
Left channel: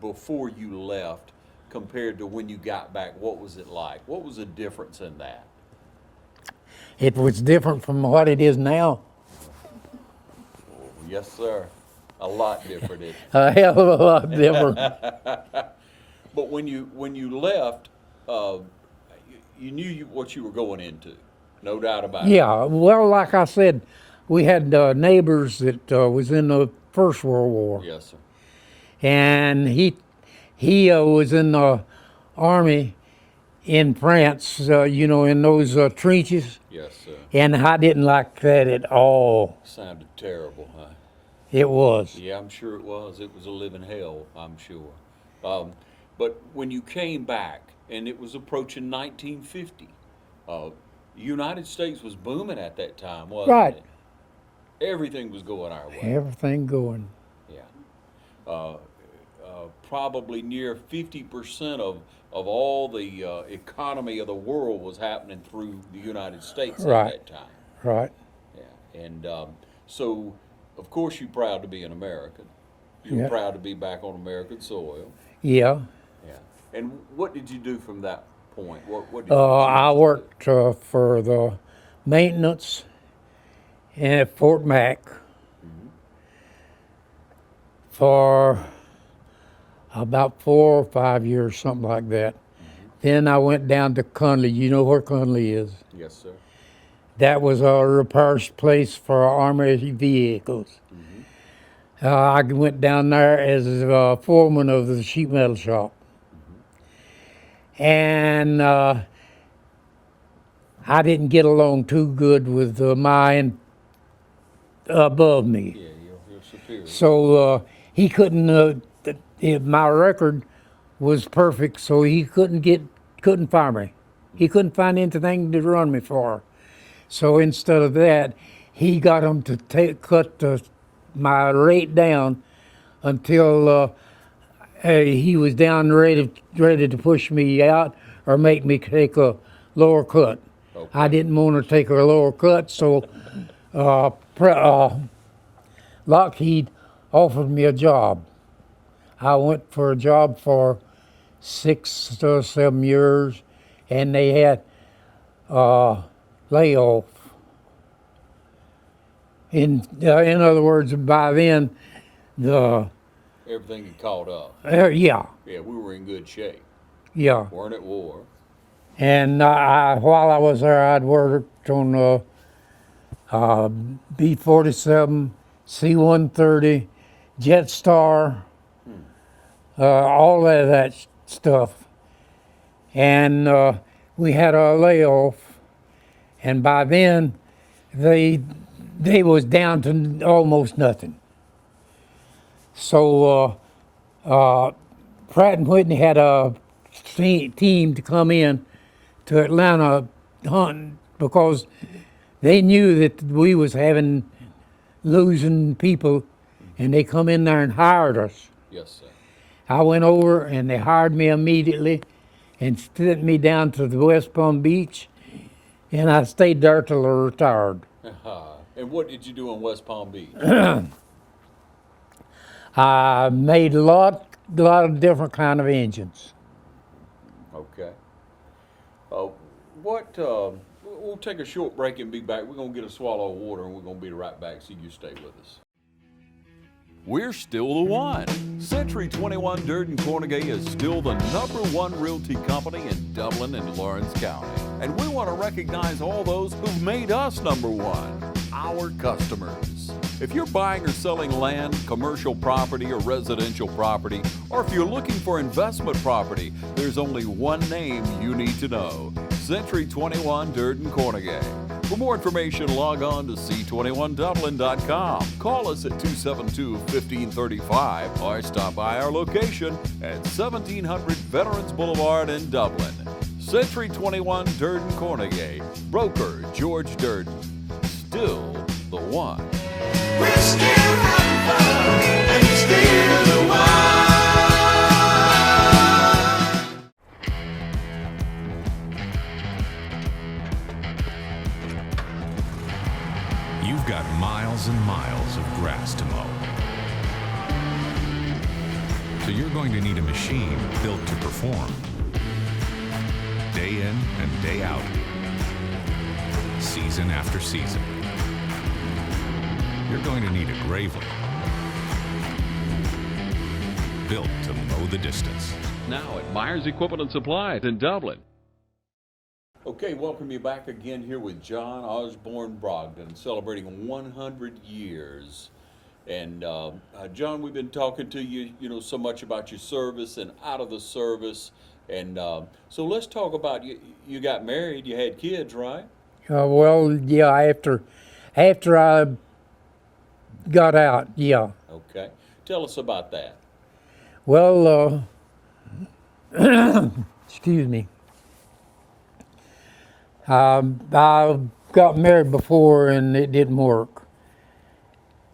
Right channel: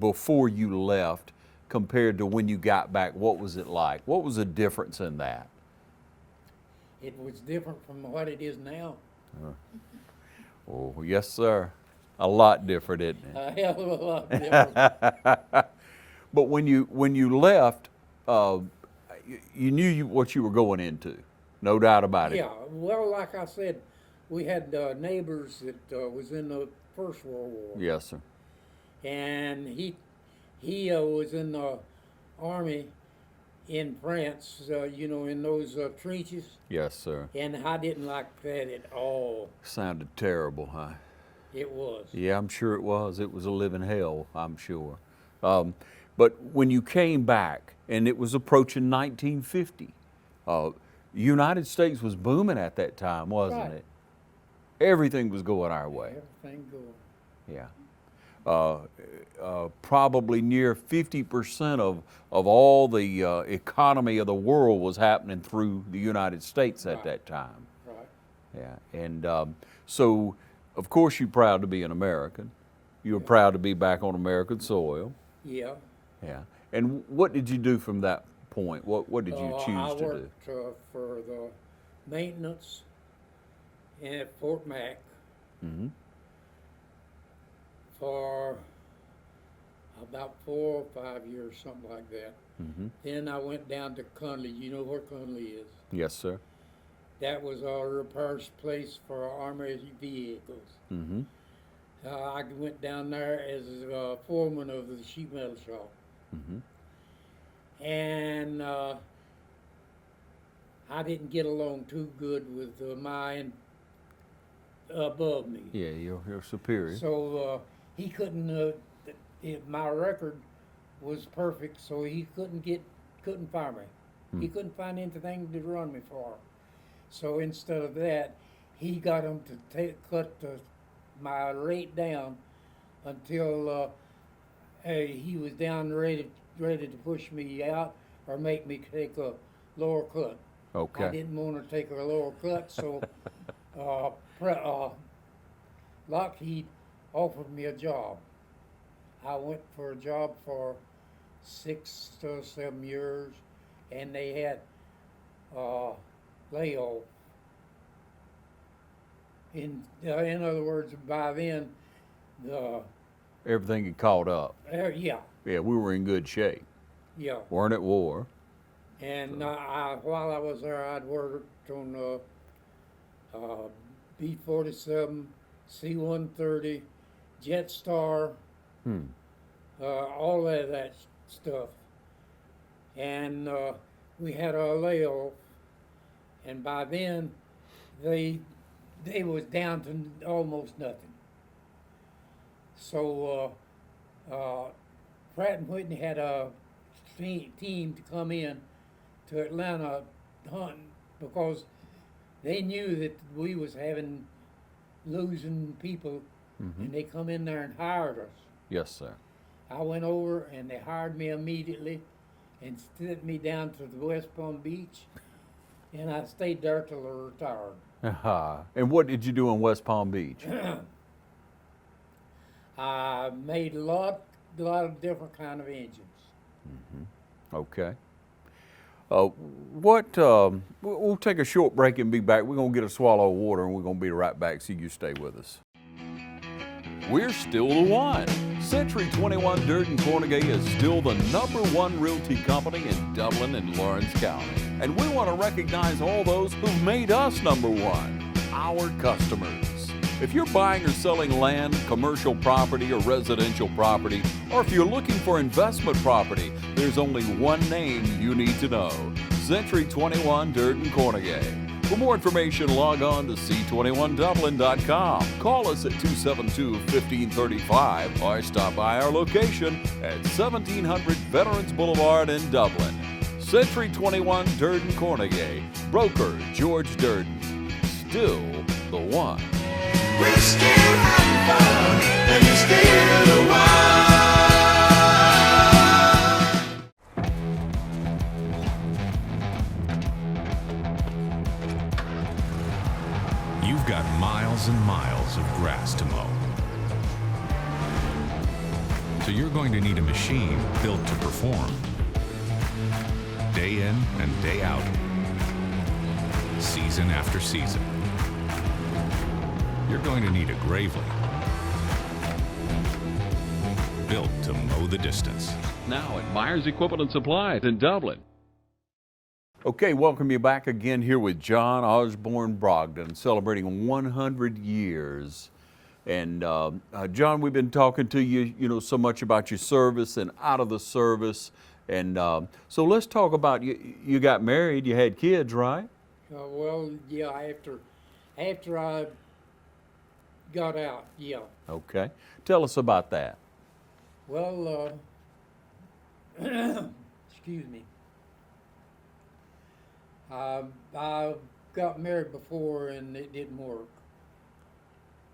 before you left compared to when you got back? What was it like? What was the difference in that? It was different from what it is now. Oh, yes, sir. A lot different, isn't it? A hell of a lot different. But when you left, you knew what you were going into, no doubt about it. Yeah, well, like I said, we had neighbors that was in the First World War. Yes, sir. And he was in the army in France, in those trenches. Yes, sir. And I didn't like that at all. Sounded terrible, huh? It was. Yeah, I'm sure it was. It was a living hell, I'm sure. But when you came back, and it was approaching 1950, United States was booming at that time, wasn't Right. it? Everything was going our way. Everything going. Yeah. Probably near 50% of all the economy of the world was happening through the United States at Right. that time. Right. Yeah. And so, of course, you're proud to be an American. You're Yeah. proud to be back on American soil. Yeah. Yeah. And what did you do from that point? What did you choose I to do? worked for the maintenance at Fort Mac for about 4 or 5 years, something like that. Then I went down to Conley. You know where Conley is? Yes, sir. That was a repair place for Army vehicles. I went down there as a foreman of the sheet metal shop. And I didn't get along too good with my above me. Yeah, you're superior. So he couldn't, my record was perfect, so he couldn't fire me. He couldn't find anything to run me for. So instead of that, he got him to cut my rate down until he was down ready to push me out or make me take a lower cut. Okay. I didn't want to take a lower cut, so Lockheed offered me a job. I went for a job for 6 to 7 years, and they had layoff. In other words, by then, Everything had caught up. yeah, Yeah, we were in good shape. yeah. Weren't at war. And while I was there, I'd worked on B-47, C-130, Jetstar, all of that stuff. and we had our layoff, and by then they was down to almost nothing. So Pratt and Whitney had a team to come in to Atlanta hunting because they knew that we was losing people, and they come in there and hired us. Yes, sir. I went over and they hired me immediately and sent me down to the West Palm Beach, and I stayed there till I retired. And what did you do in West Palm Beach? I made a lot of different kind of engines. Okay. We'll take a short break and be back. We're going to get a swallow of water, and we're going to be right back, so you stay with us. We're still the one. Century 21 Durden Cornegay is still the #1 realty company in Dublin and Lawrence County. And we want to recognize all those who've made us #1, our customers. If you're buying or selling land, commercial property, or residential property, or if you're looking for investment property, there's only one name you need to know: Century 21 Durden Cornegay. For more information, log on to c21dublin.com. Call us at 272-1535 or stop by our location at 1700 Veterans Boulevard in Dublin. Century 21 Durden Cornegay. Broker George Durden. Still the one. We're still having fun, and we're still the one. You've got miles and miles of grass to mow. So you're going to need a machine built to perform. Day in and day out. Season after season. You're going to need a Gravely. Built to mow the distance. Now at Myers Equipment and Supplies in Dublin. Okay, welcome you back again here with John Osborn Brogdon, celebrating 100 years. And John, we've been talking to you, so much about your service and out of the service. And so let's talk about you got married, you had kids, right? Well, yeah, after I got out, yeah. Okay. Tell us about that. Well, excuse me. I got married before and it didn't work.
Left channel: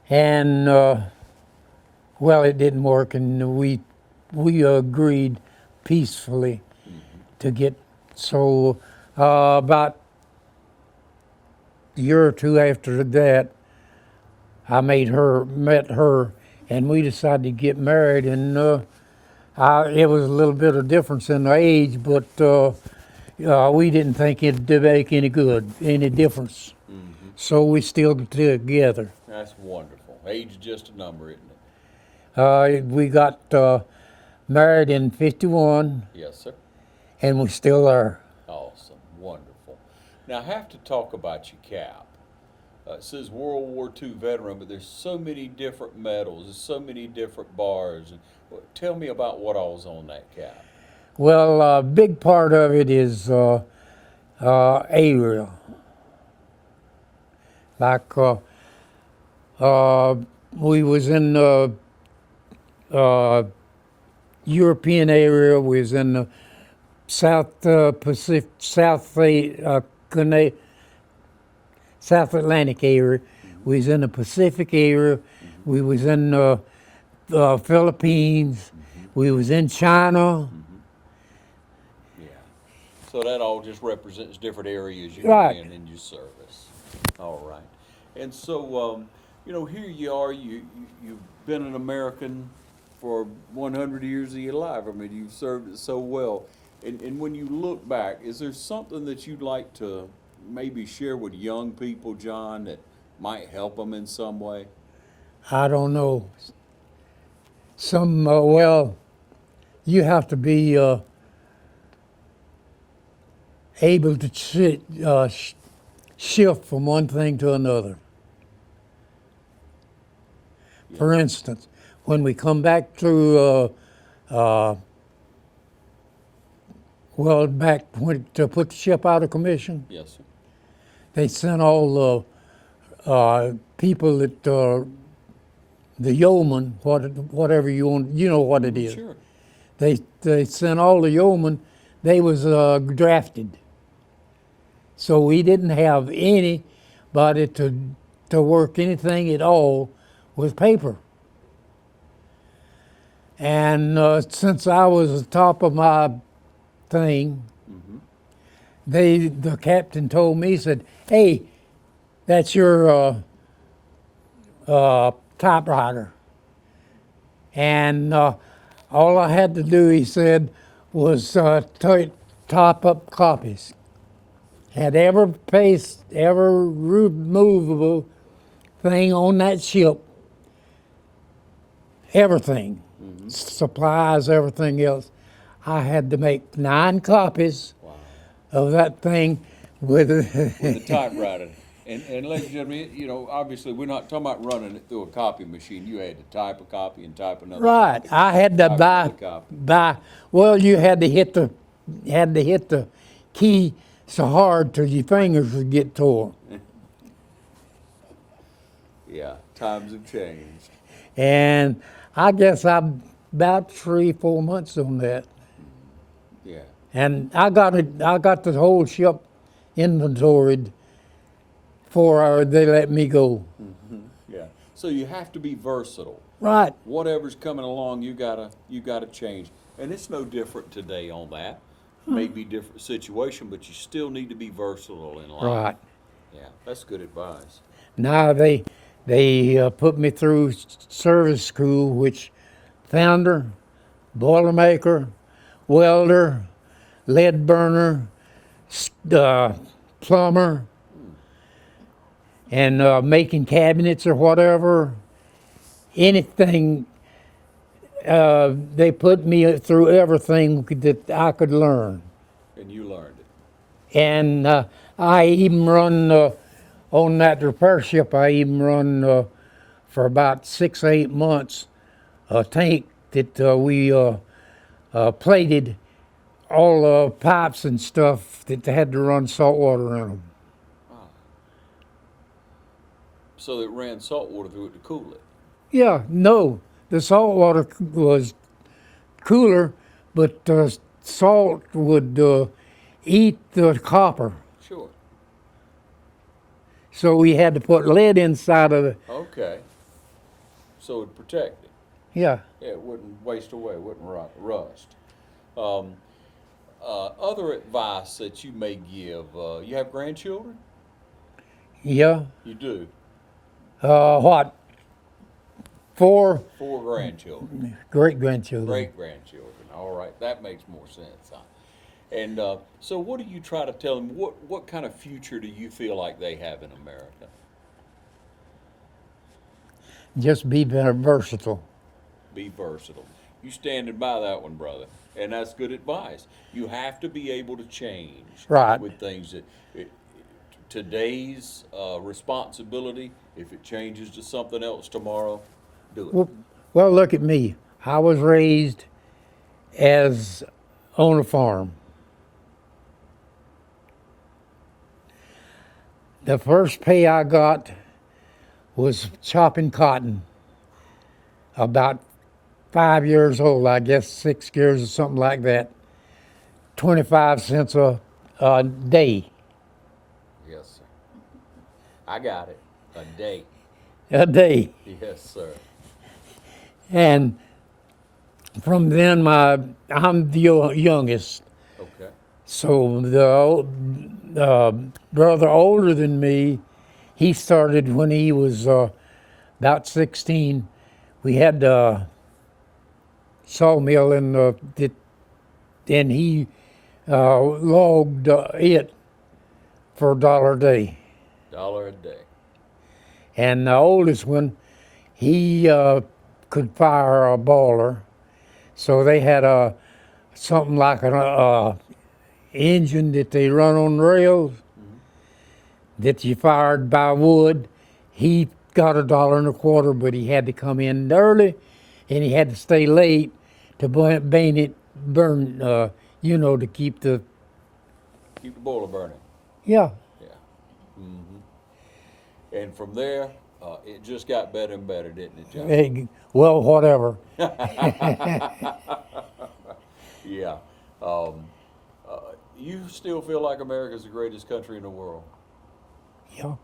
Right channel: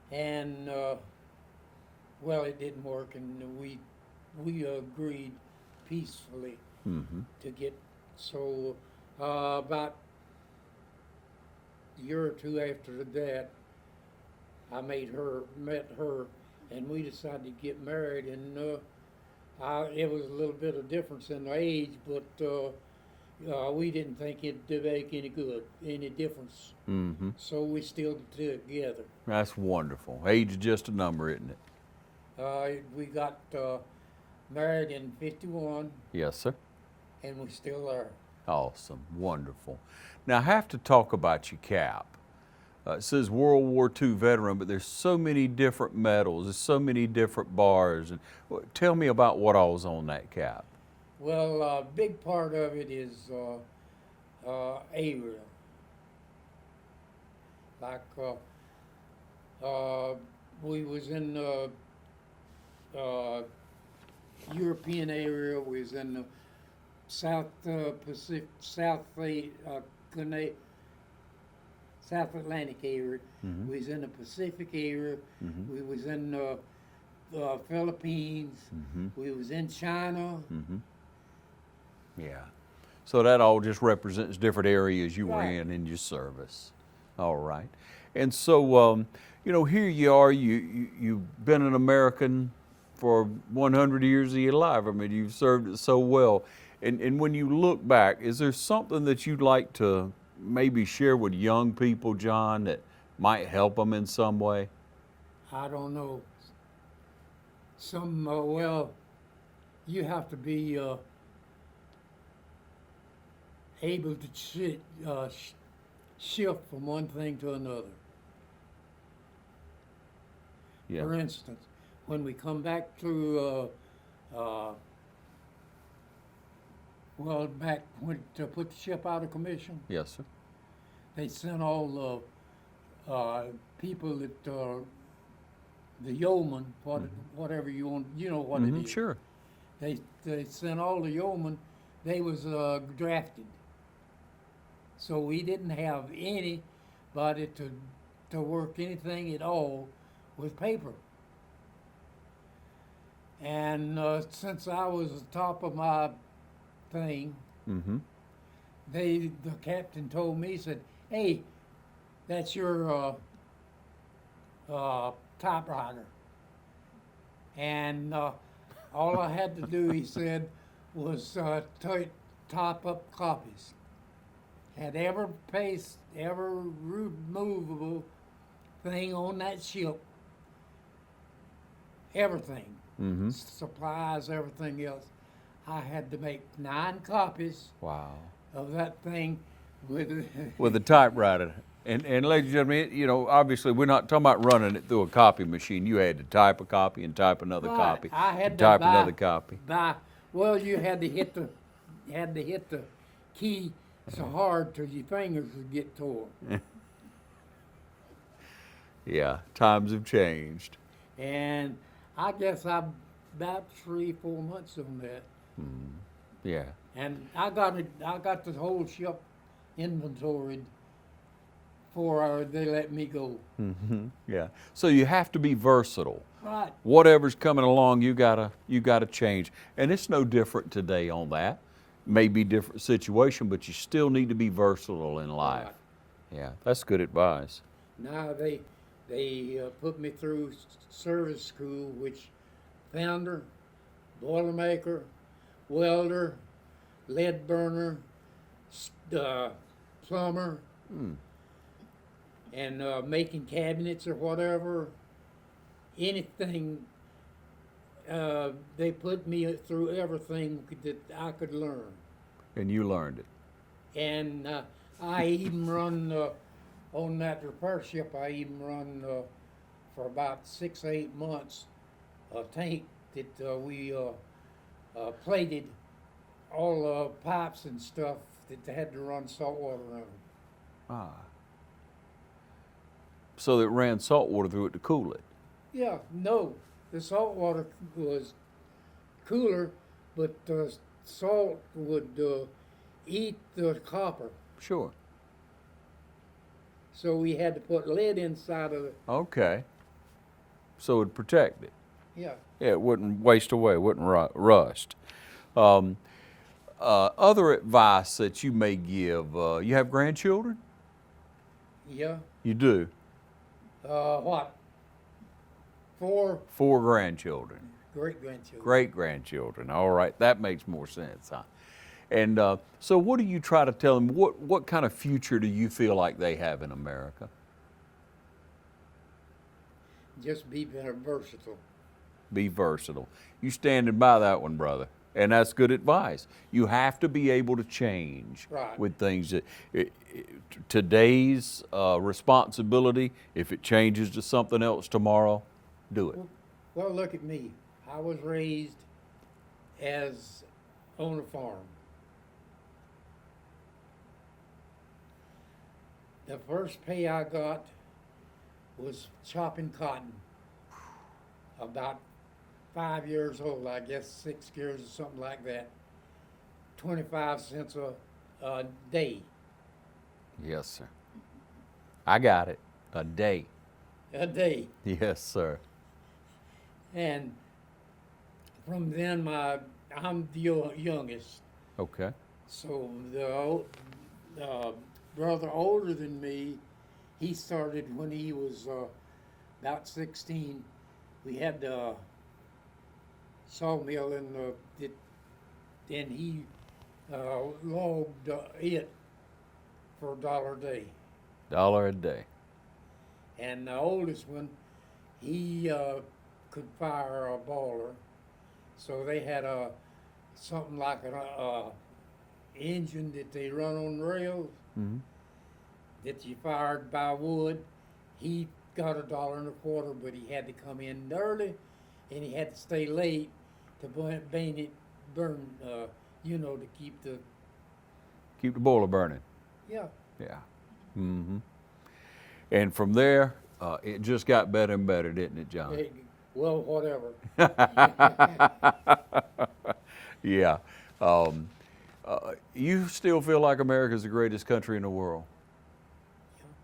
And, well, it didn't work, and we agreed peacefully to get, so about a year or two after that, I met her, and we decided to get married, and it was a little bit of difference in the age, but we didn't think it'd make any difference. So we still together. That's wonderful. Age is just a number, isn't it? We got married in '51, Yes, sir. and we're still there. Awesome. Wonderful. Now, I have to talk about your cap. It says World War II veteran, but there's so many different medals, there's so many different bars. And tell me about what all was on that cap. Well, a big part of it is aerial. Like we was in the European area, we was in the South Pacific, South Atlantic area. We was in the Pacific area. We was in the Philippines. We was in China. Yeah. So that all just represents different areas you Right. were in your service. All right. And so, here you are. You've been an American for 100 years of your life. I mean, you've served it so well. And when you look back, is there something that you'd like to maybe share with young people, John, that might help them in some way? I don't know. Well, you have to be able to shift from one thing to another. Yeah. For instance, when we come back through Well, back when to put the ship out of commission, Yes, sir. they sent all the people that the yeoman, whatever you want, you know what it is. Sure. They sent all the yeomen. They was drafted, so we didn't have anybody to work anything at all with paper. And since I was the top of my thing, the captain told me, he said, "Hey, that's your typewriter." And all I had to do, he said, was top up copies. Had every removable thing on that ship, everything, supplies, everything else. I had to make 9 copies Wow. of that thing with With a typewriter. And ladies and gentlemen, you know, obviously we're not talking about running it through a copy machine. You had to type a copy and type another right. copy. I had to type another copy. buy. Well, you had to hit the key so hard till your fingers would get tore. Yeah, times have changed. And I guess I'm about 3-4 months on that. Yeah. And I got the whole ship inventoried before they let me go. Yeah. So you have to be versatile. Right. Whatever's coming along, you gotta change. And it's no different today on that. Maybe different situation, but you still need to be versatile in life. Right. Yeah, that's good advice. Now they put me through service school, which founder, boilermaker, welder, lead burner, plumber, and making cabinets or whatever. Anything. They put me through everything that I could learn. And you learned it. And I even run on that repair ship. I even run for about 6 or 8 months a tank that we plated all the pipes and stuff that they had to run salt water in them. So it ran salt water through it to cool it. Yeah, no, the salt water was cooler, but salt would eat the copper. Sure. So we had to put lead inside of it. Okay. So it'd protect it. Yeah. Yeah, it wouldn't waste away, wouldn't rust. Other advice that you may give, you have grandchildren? Yeah. You do? What? 4 4 grandchildren. great-grandchildren. Great-grandchildren. All right, that makes more sense, huh? And so what do you try to tell them? What kind of future do you feel like they have in America? Just be very versatile. Be versatile. You standing by that one, brother. And that's good advice. You have to be able to change Right. with things that today's responsibility. If it changes to something else tomorrow, do it. Well, look at me. I was raised as on a farm. The first pay I got was chopping cotton. About 5 years old, I guess 6 years or something like that. 25 cents a day. Yes, sir. I got it. A day. A day. Yes, sir. And from then, I'm the youngest. Okay. So the brother older than me, he started when he was about 16. We had a sawmill and he logged it for $1 a day. $1 a day. And the oldest one, he could fire a boiler, so they had something like an engine that they run on rails that you fired by wood. He got $1.25, but he had to come in early, and he had to stay late to you know, to keep the, Keep the boiler burning. yeah. Yeah. And from there, it just got better and better, didn't it, John? Hey, well, whatever. Yeah. You still feel like America's the greatest country in the world? Yeah.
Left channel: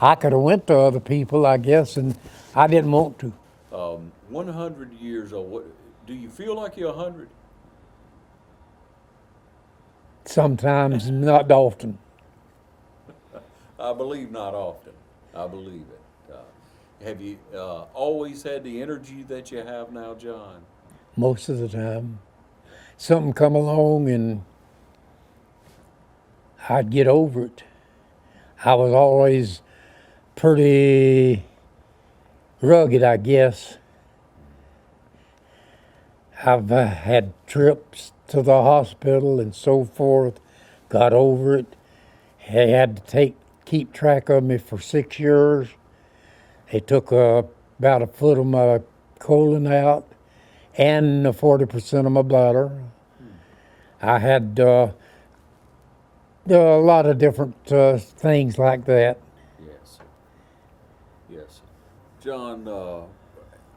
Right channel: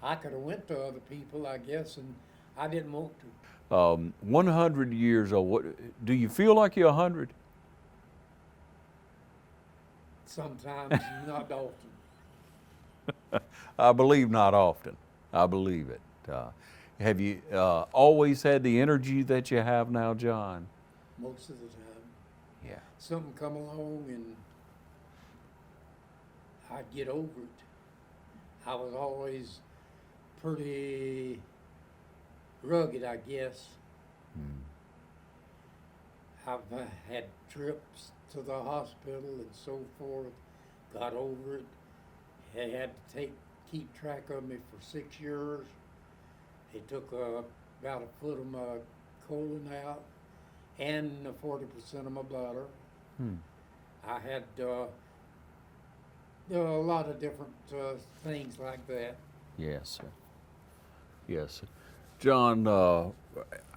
I could have went to other people, I guess, and I didn't want to. 100 years old. Do you feel like you're 100? Sometimes, not often. I believe not often. I believe it. Have you always had the energy that you have now, John? Most of the time. Something come along and I'd get over it. I was always pretty rugged, I guess. I've had trips to the hospital and so forth, got over it. They had to keep track of me for 6 years. They took about a foot of my colon out and 40% of my bladder. I had a lot of different things like that. Yes, sir. Yes, sir. John,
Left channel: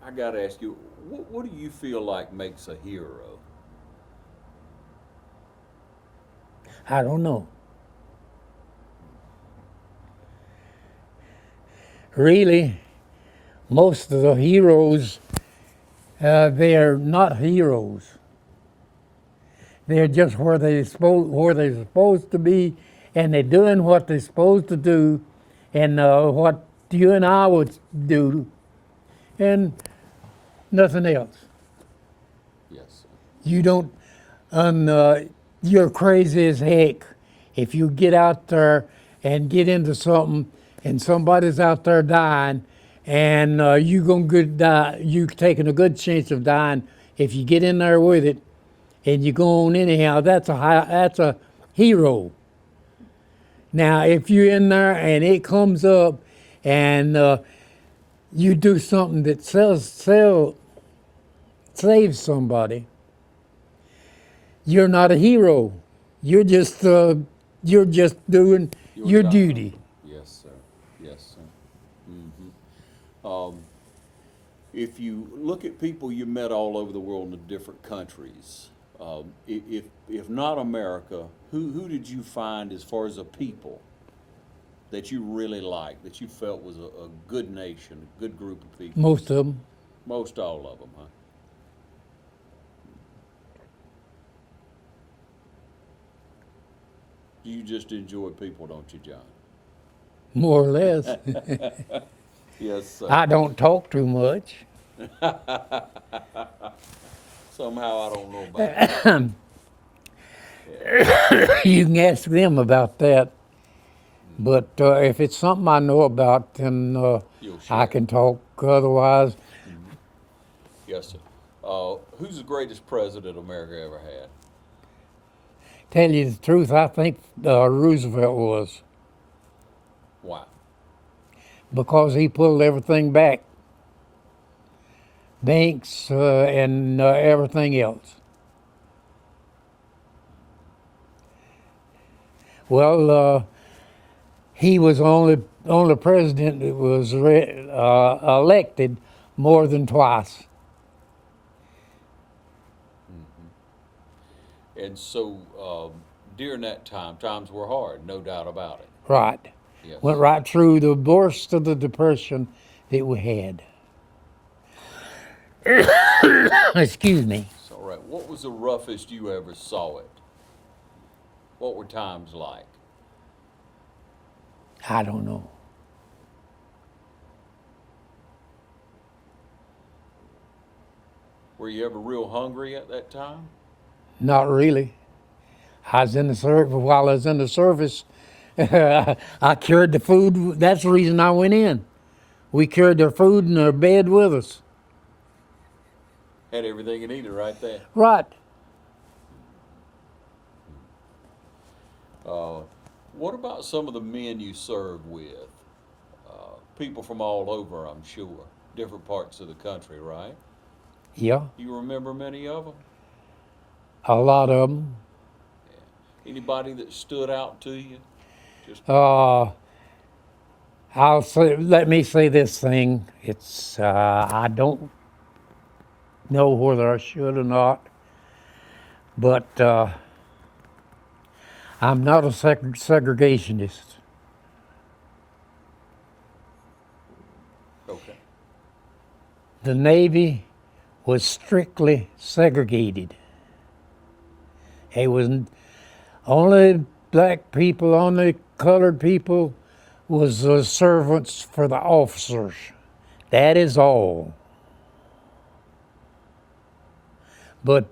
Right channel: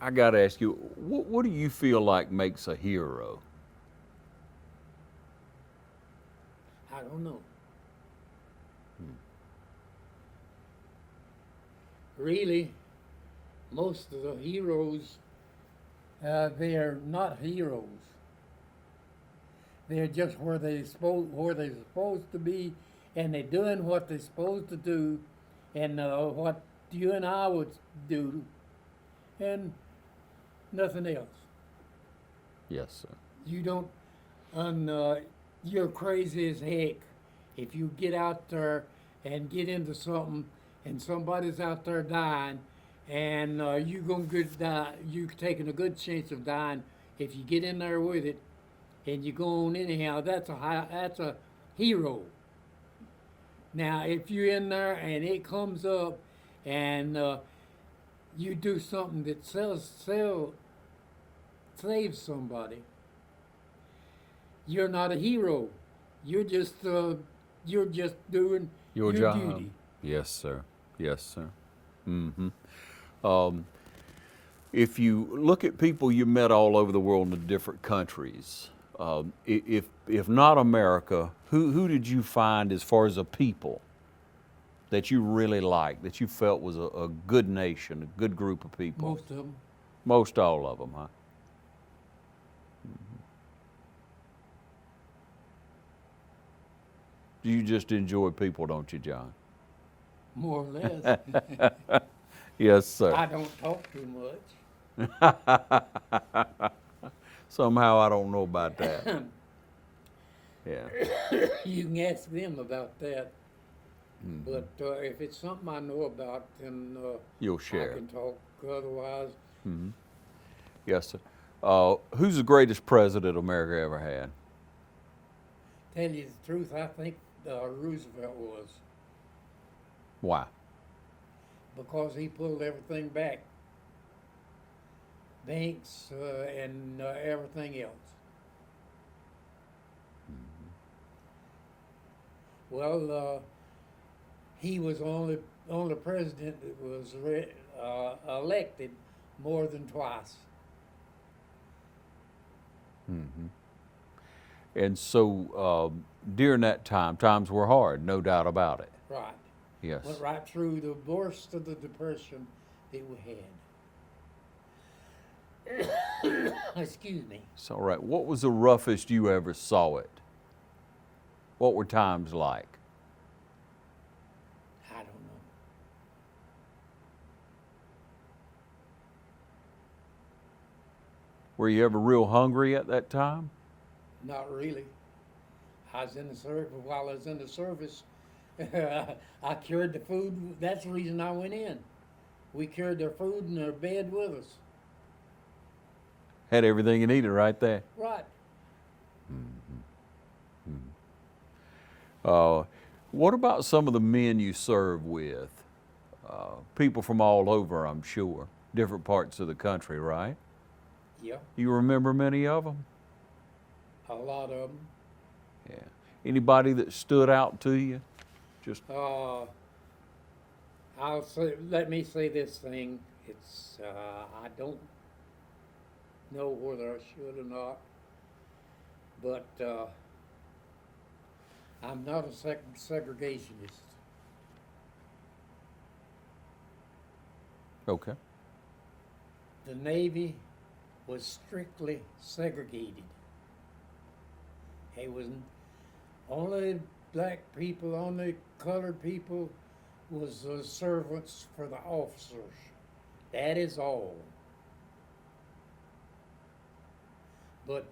I got to ask you, what do you feel like makes a hero? I don't know. Really, most of the heroes, they're not heroes. They're just where they're supposed to be, and they're doing what they're supposed to do, and what you and I would do, and nothing else. Yes, sir. You don't, you're crazy as heck if you get out there and get into something, and somebody's out there dying, and you taking a good chance of dying if you get in there with it. And you go on anyhow, that's a hero. Now, if you're in there and it comes up and you do something that saves somebody, you're not a hero. You're just doing your job. duty. Yes, sir. Yes, sir. If you look at people you met all over the world in different countries, if not America, who did you find as far as a people that you really liked, that you felt was a good nation, a good group of people? Most of them. Most all of them, huh? You just enjoy people, don't you, John? More or less. Yes, sir. I don't talk too much. Somehow I don't know about that. You can ask them about that. But if it's something I know about, then You'll I share. can talk. Otherwise, Yes, sir. Who's the greatest president America ever had? tell you the truth, I think Roosevelt was, Why? because he pulled everything back, banks and everything else. Well, he was only president that was elected more than twice. And so during that time, times were hard, no doubt about it. Right. Yes. Went right through the worst of the depression that we had. Excuse me. It's all right. What was the roughest you ever saw it? What were times like? I don't know. Were you ever real hungry at that time? Not really. I was in the service. While I was in the service, I carried the food. That's the reason I went in. We carried their food and their bed with us. Had everything you needed right there. Right. What about some of the men you served with? People from all over, I'm sure. Different parts of the country, right? Yeah, You remember many of them? a lot of them. Anybody that stood out to you? Just I'll say, let me say this thing. It's I don't know whether I should or not, but I'm not a segregationist. okay. The Navy was strictly segregated. It was only black people, only colored people was the servants for the officers. That is all. But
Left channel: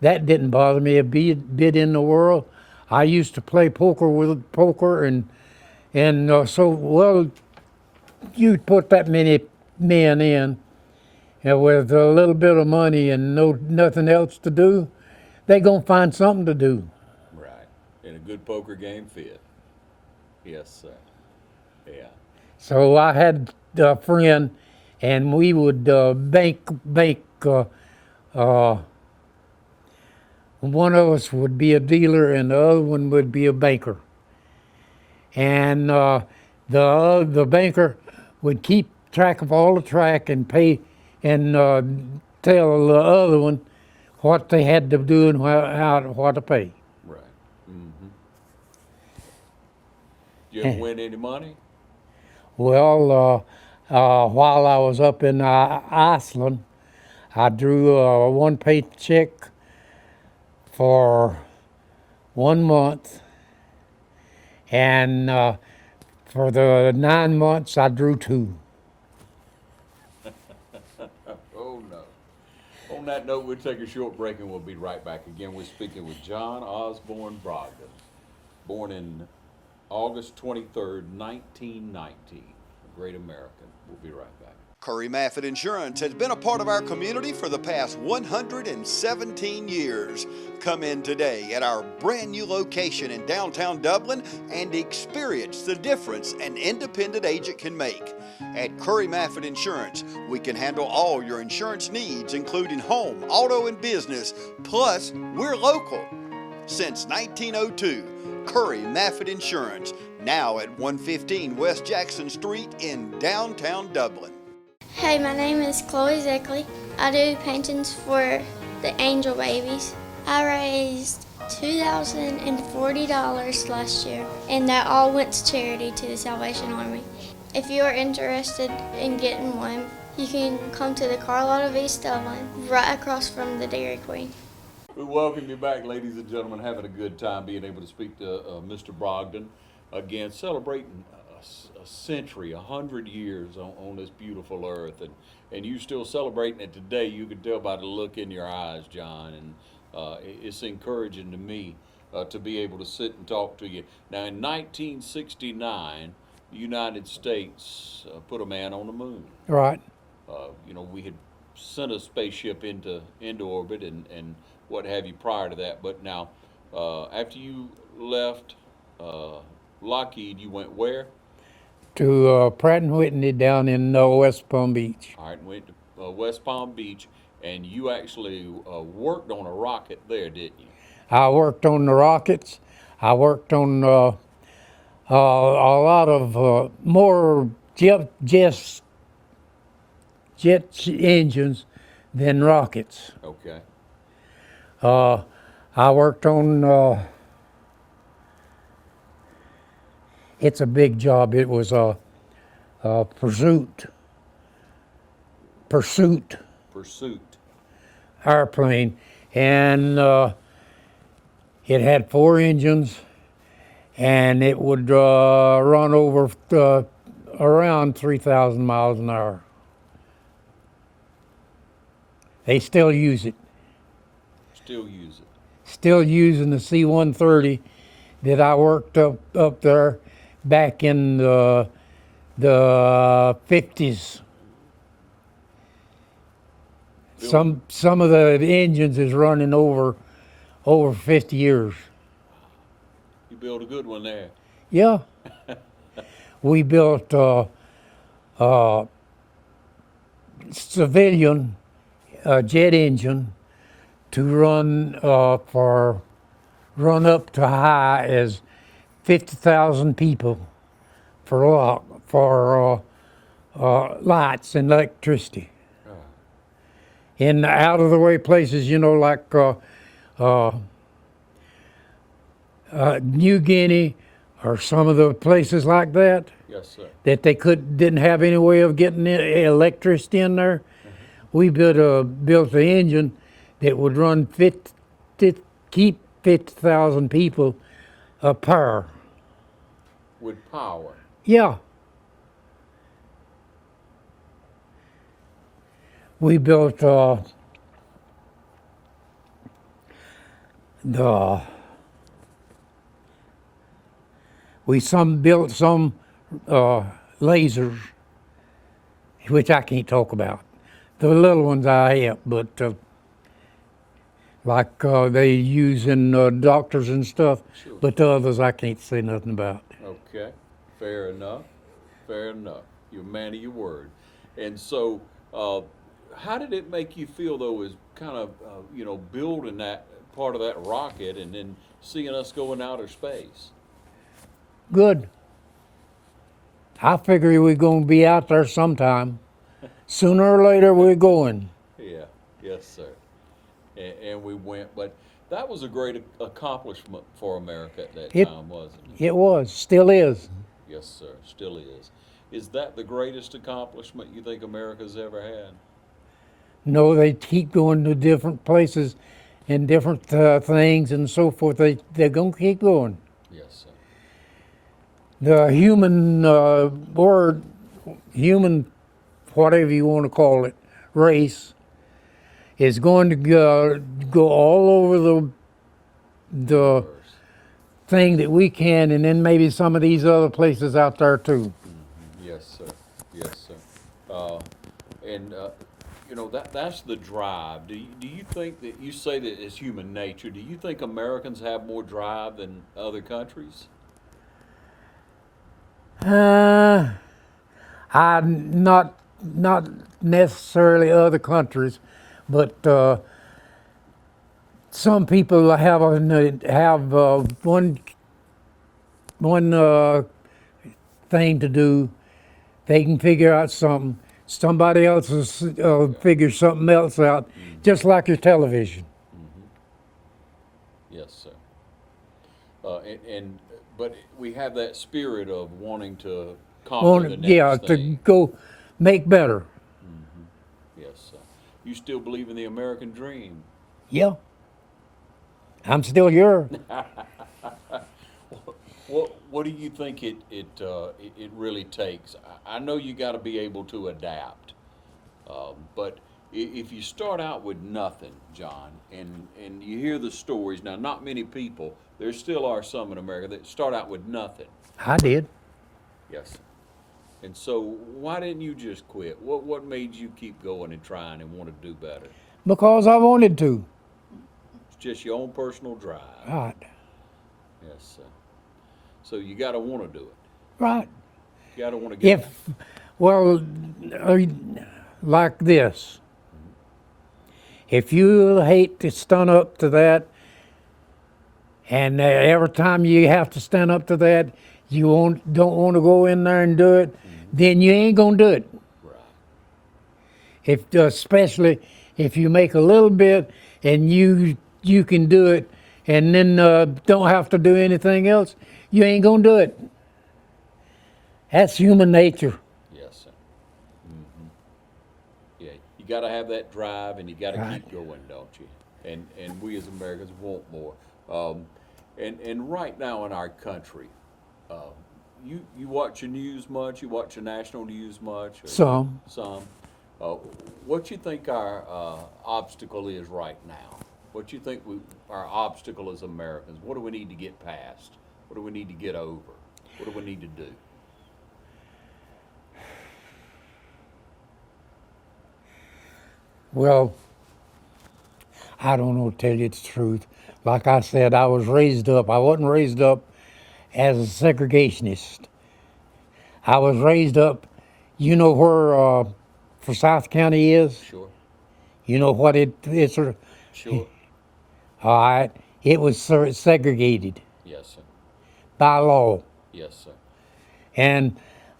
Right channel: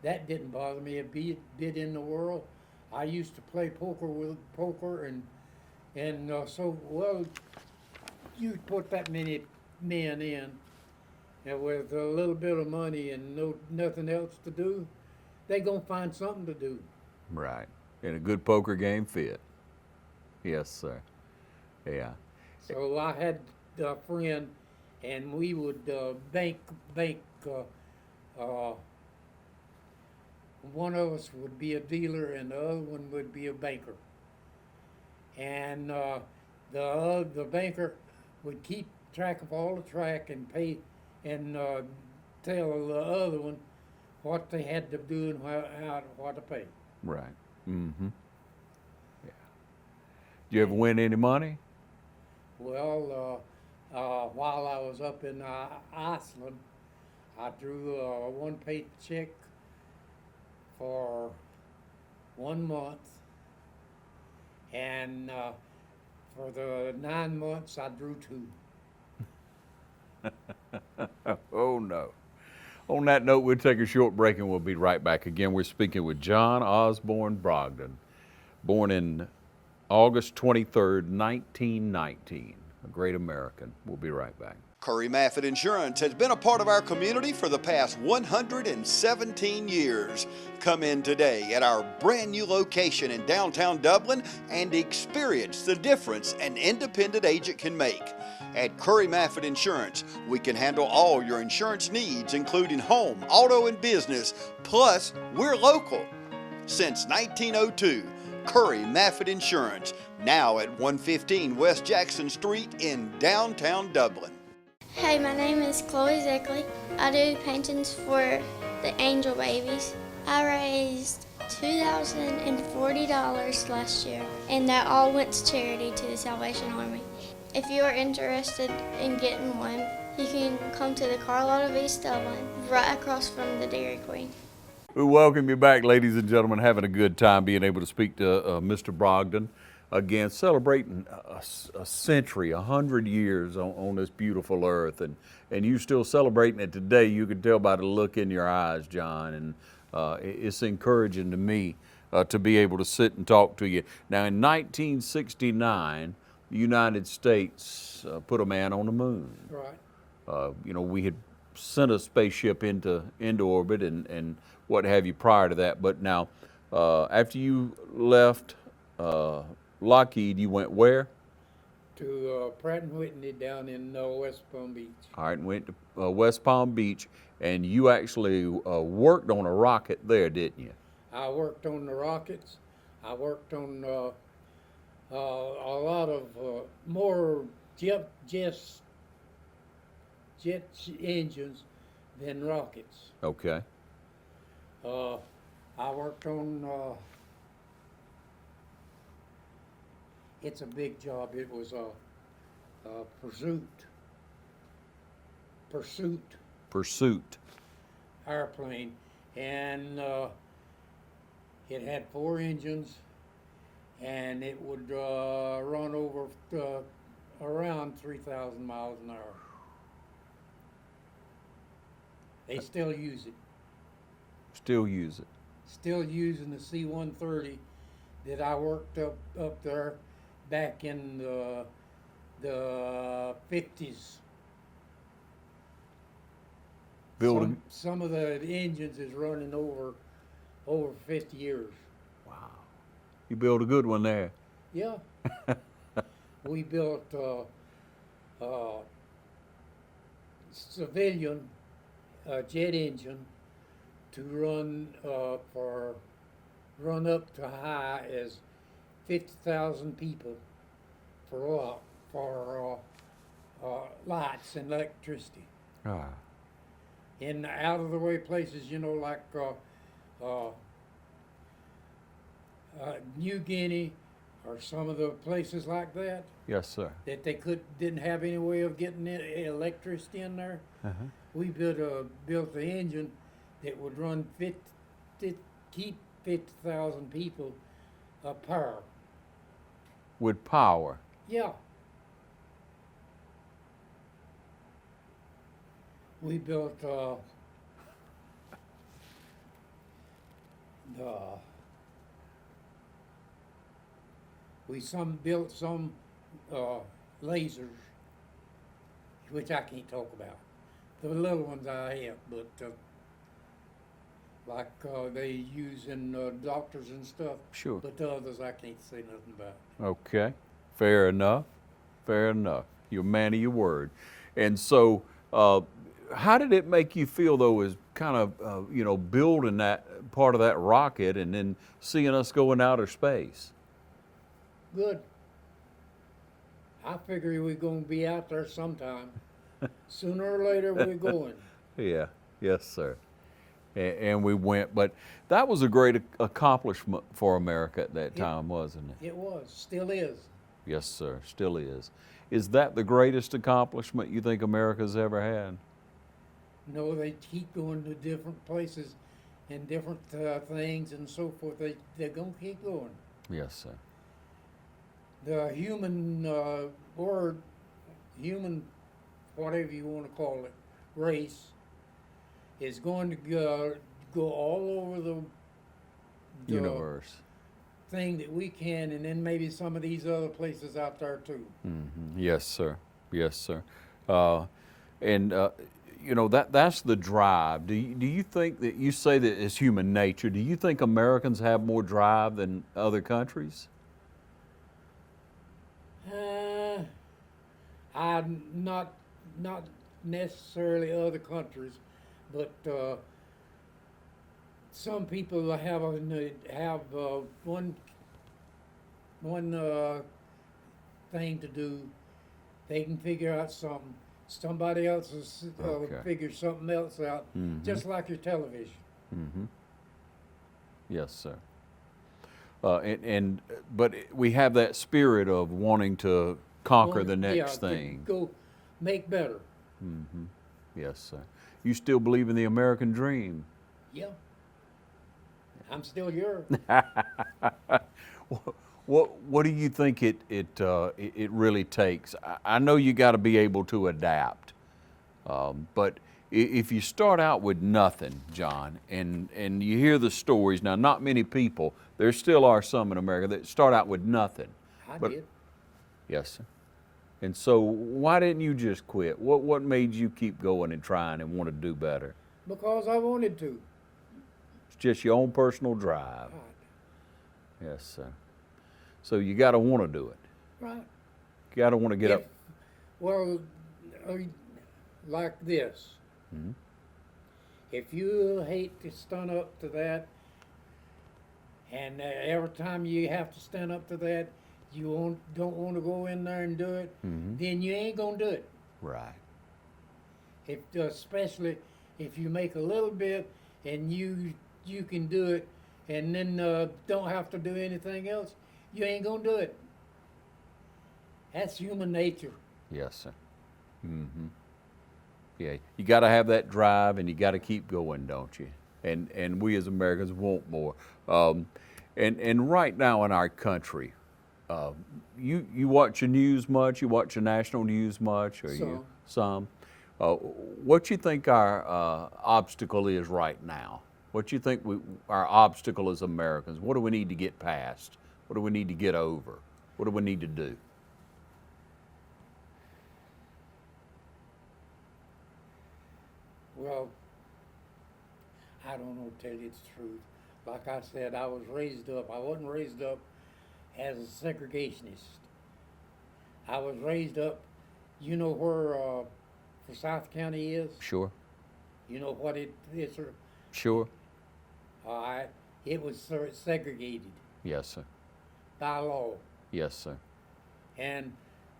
that didn't bother me a bit in the world. I used to play poker and so well. You put that many men in, and with a little bit of money and nothing else to do, they gonna find something to do. Right. And a good poker game fit. Yes, sir. Yeah. So I had a friend, and we would bank. One of us would be a dealer, and the other one would be a banker. And the banker would keep track of all the track and pay, and tell the other one what they had to do and what to pay. Right. Mm-hmm. Did you ever win any money? Well, while I was up in Iceland, I drew a one paycheck for 1 month, and for the 9 months I drew 2. Oh, no. On that note, we'll take a short break and we'll be right back. Again, we're speaking with John Osborn Brogdon, born in August 23rd, 1919, a great American. We'll be right back. Curry Maffitt Insurance has been a part of our community for the past 117 years. Come in today at our brand new location in downtown Dublin and experience the difference an independent agent can make. At Curry Maffitt Insurance, we can handle all your insurance needs, including home, auto, and business. Plus, we're local. Since 1902, Curry Maffitt Insurance, now at 115 West Jackson Street in downtown Dublin. Hey, my name is Chloe Zeckley. I do paintings for the angel babies. I raised $2,040 last year, and that all went to charity to the Salvation Army. If you are interested in getting one, you can come to the car lot of East Dublin, right across from the Dairy Queen. We welcome you back, ladies and gentlemen. Having a good time being able to speak to Mr. Brogdon. Again, celebrating a century, 100 years on this beautiful earth. And you still celebrating it today. You can tell by the look in your eyes, John. And it's encouraging to me to be able to sit and talk to you. Now, in 1969, the United States put a man on the moon. Right. You know, we had sent a spaceship into orbit and what have you prior to that. But now, after you left Lockheed, you went where? To Pratt & Whitney down in West Palm Beach. All right, and went to West Palm Beach, and you actually worked on a rocket there, didn't you? I worked on the rockets. I worked on a lot of more jet engines than rockets. Okay. I worked on, it's a big job. It was a pursuit airplane, and it had 4 engines, and it would run over around 3,000 miles an hour. They still use it. Still use it. Still using the C-130 that I worked up there back in the 50s. Some of the engines is running over 50 years. You built a good one there. Yeah. We built civilian a jet engine to run run up to high as 50,000 people for lights and electricity. In out of the way places, you know, like New Guinea or some of the places like that, Yes, sir. that they didn't have any way of getting electricity in there. We built the engine that would run keep 50,000 people a power. With power. Yeah. We built built some lasers, which I can't talk about. The little ones I have, but like they use in doctors and stuff. Sure. But the others I can't say nothing about. Okay, fair enough. Fair enough. You're a man of your word. And so, how did it make you feel, though, as kind of, you know, building that part of that rocket and then seeing us go in outer space? Good. I figure we're going to be out there sometime. Sooner or later, we're going. Yeah, yes, sir. And we went, but that was a great accomplishment for America at that time, wasn't it? It was, still is. Yes, sir, still is. Is that the greatest accomplishment you think America's ever had? No, they keep going to different places and different things and so forth. They're going to keep going. Yes, sir. The human human, whatever you want to call it, race, is going to go all over the Universe. thing that we can, and then maybe some of these other places out there too. Yes, sir. Yes, sir. You know, that's the drive. Do you think that, you say that it's human nature, do you think Americans have more drive than other countries? I'm not necessarily other countries, but some people have one thing to do. They can figure out something. Somebody else will figure something else out, just like your television. Yes, sir. But we have that spirit of wanting to conquer the next thing. To go make better. Yes, sir. You still believe in the American dream? Yeah. I'm still here. What do you think it really takes? I know you got to be able to adapt, but if you start out with nothing, John, and you hear the stories now, not many people. There still are some in America that start out with nothing. I did. Yes, sir. And so, why didn't you just quit? What made you keep going and trying and want to do better? Because I wanted to. It's just your own personal drive. Right. Yes, sir. So you got to want to do it. Right. You got to want to get. Like this. If you hate to stand up to that, and every time you have to stand up to that, you don't want to go in there and do it, then you ain't gonna do it. Right. Especially if you make a little bit and you can do it, and then don't have to do anything else, you ain't gonna do it. That's human nature. Yes, sir. Yeah, you got to have that drive, and you got to keep going, don't you? And we as Americans want more. And right now in our country, you watch the news much? You watch the national news much? Some. What you think our obstacle is right now? What you think our obstacle as Americans? What do we need to get past? What do we need to get over? What do we need to do? Well, I don't know to tell you the truth. Like I said, I wasn't raised up as a segregationist. I was raised up, you know where Forsyth County is? Sure. You know what it's? Sure. All right. It was segregated Yes, sir. by law. Yes, sir. And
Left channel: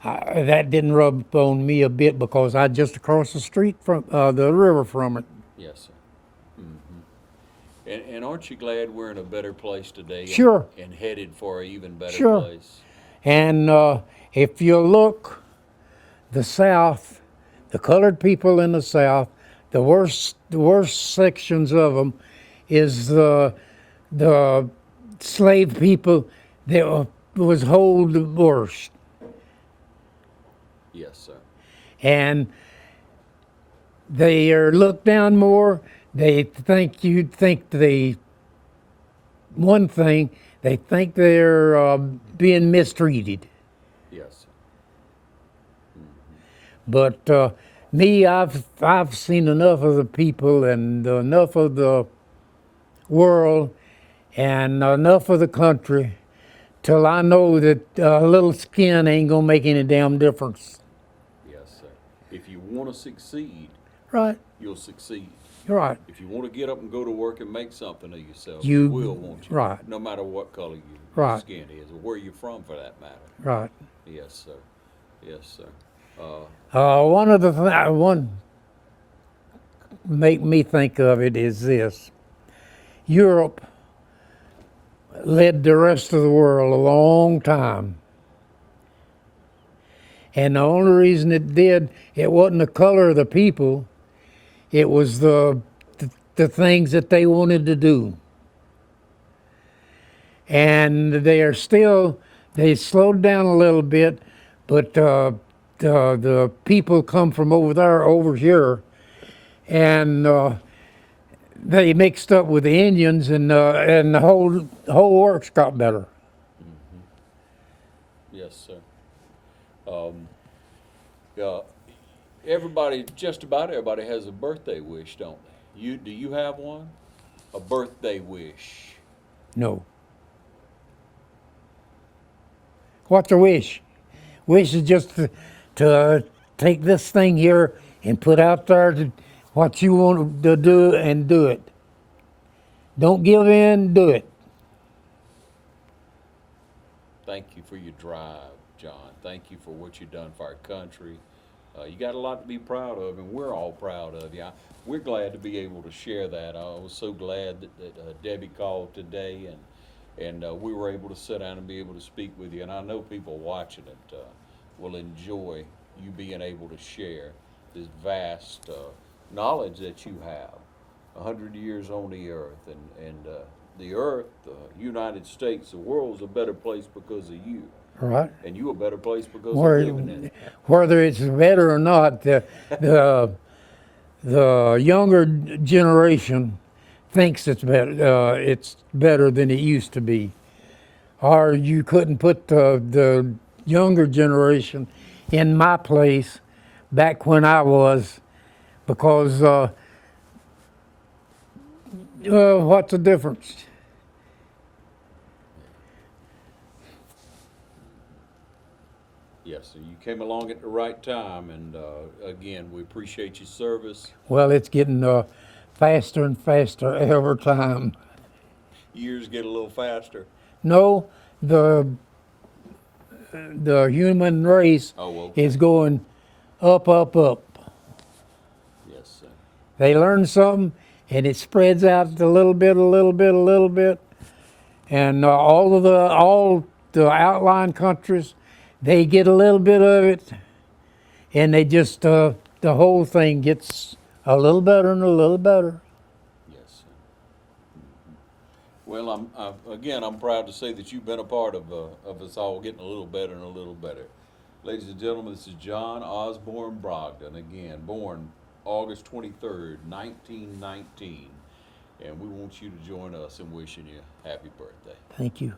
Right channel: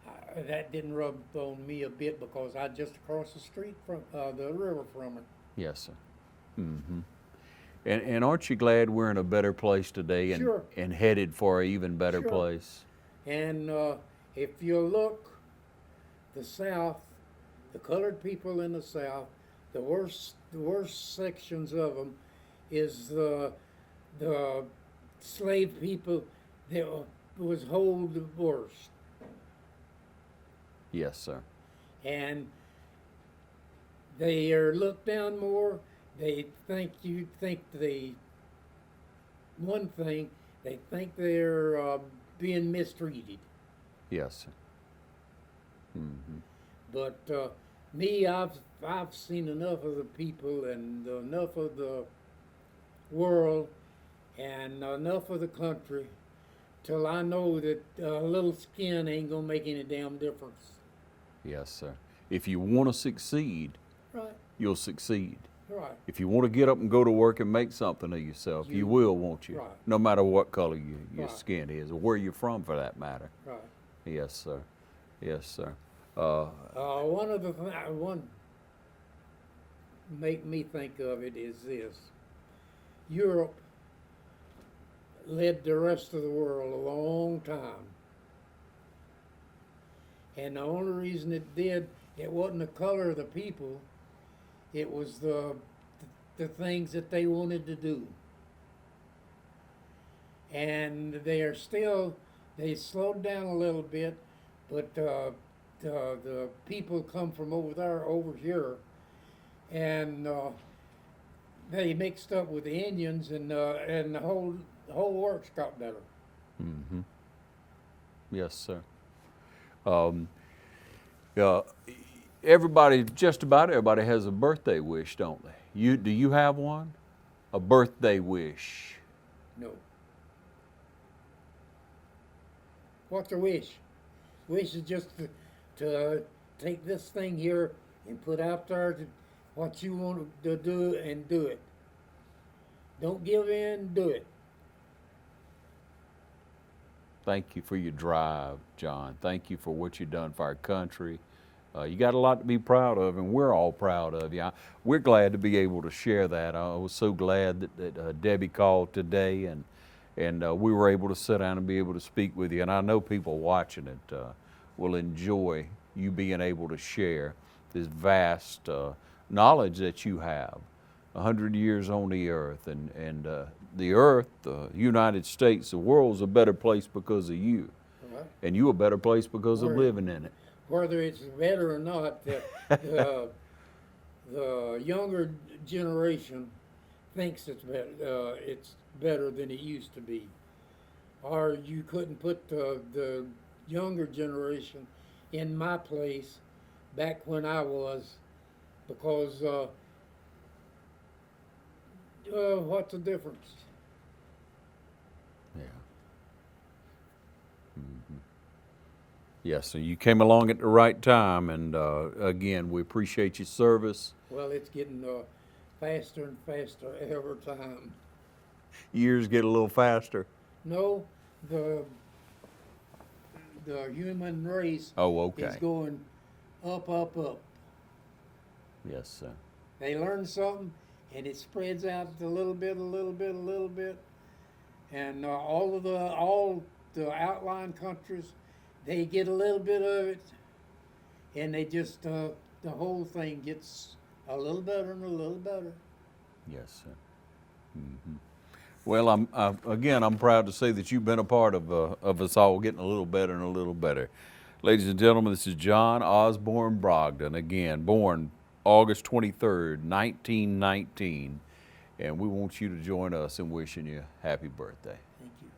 that didn't rub on me a bit because I just across the street from the river from it. Yes, sir. And aren't you glad we're in a better place today? Sure. And headed for an even better Sure. place? And if you look, the South, the colored people in the South, the worst sections of them is the slave people that was hold the worst. Yes, sir. And they are looked down more. They think you'd think one thing, they think they're being mistreated. Yes, sir. But me, I've seen enough of the people and enough of the world and enough of the country till I know that a little skin ain't gonna make any damn difference. Yes, sir. If you want to succeed, Right, you'll succeed. you're right. If you want to get up and go to work and make something of yourself, You- you will, won't you? right. No matter what color your Right. skin is, or where you're from, for that matter. Right. Yes, sir. Yes, sir. One of the one make me think of it is this: Europe led the rest of the world a long time, and the only reason it did, it wasn't the color of the people; it was the things that they wanted to do. And they slowed down a little bit, but the people come from over here, and they mixed up with the Indians, and the whole works got better. Yes, sir. Just about everybody has a birthday wish, don't they? Do you have one? A birthday wish? No. What's a wish? Wish is just to take this thing here and put out there what you want to do and do it. Don't give in, do it. Thank you for your drive, John. Thank you for what you've done for our country. You got a lot to be proud of, and we're all proud of you. We're glad to be able to share that. I was so glad that Debbie called today, and we were able to sit down and be able to speak with you. And I know people watching it will enjoy you being able to share this vast knowledge that you have. 100 years on the earth, and the earth, the United States, the world's a better place because of you. Right. And you a better place because of living in it. Whether it's better or not, the younger generation thinks it's better than it used to be. Or you couldn't put the younger generation in my place back when I was, because what's the difference? Yes, so you came along at the right time, and again, we appreciate your service. Well, it's getting faster and faster every time. Years get a little faster. No, the human race Okay. is going up, up, up. Yes, sir. They learn something, and it spreads out a little bit, a little bit, a little bit, and all the outlying countries, they get a little bit of it, and they just the whole thing gets a little better and a little better. Yes, sir. Well, I'm proud to say that you've been a part of us all getting a little better and a little better. Ladies and gentlemen, this is John Osborn Brogdon, again, born August 23rd, 1919. And we want you to join us in wishing you happy birthday. Thank you.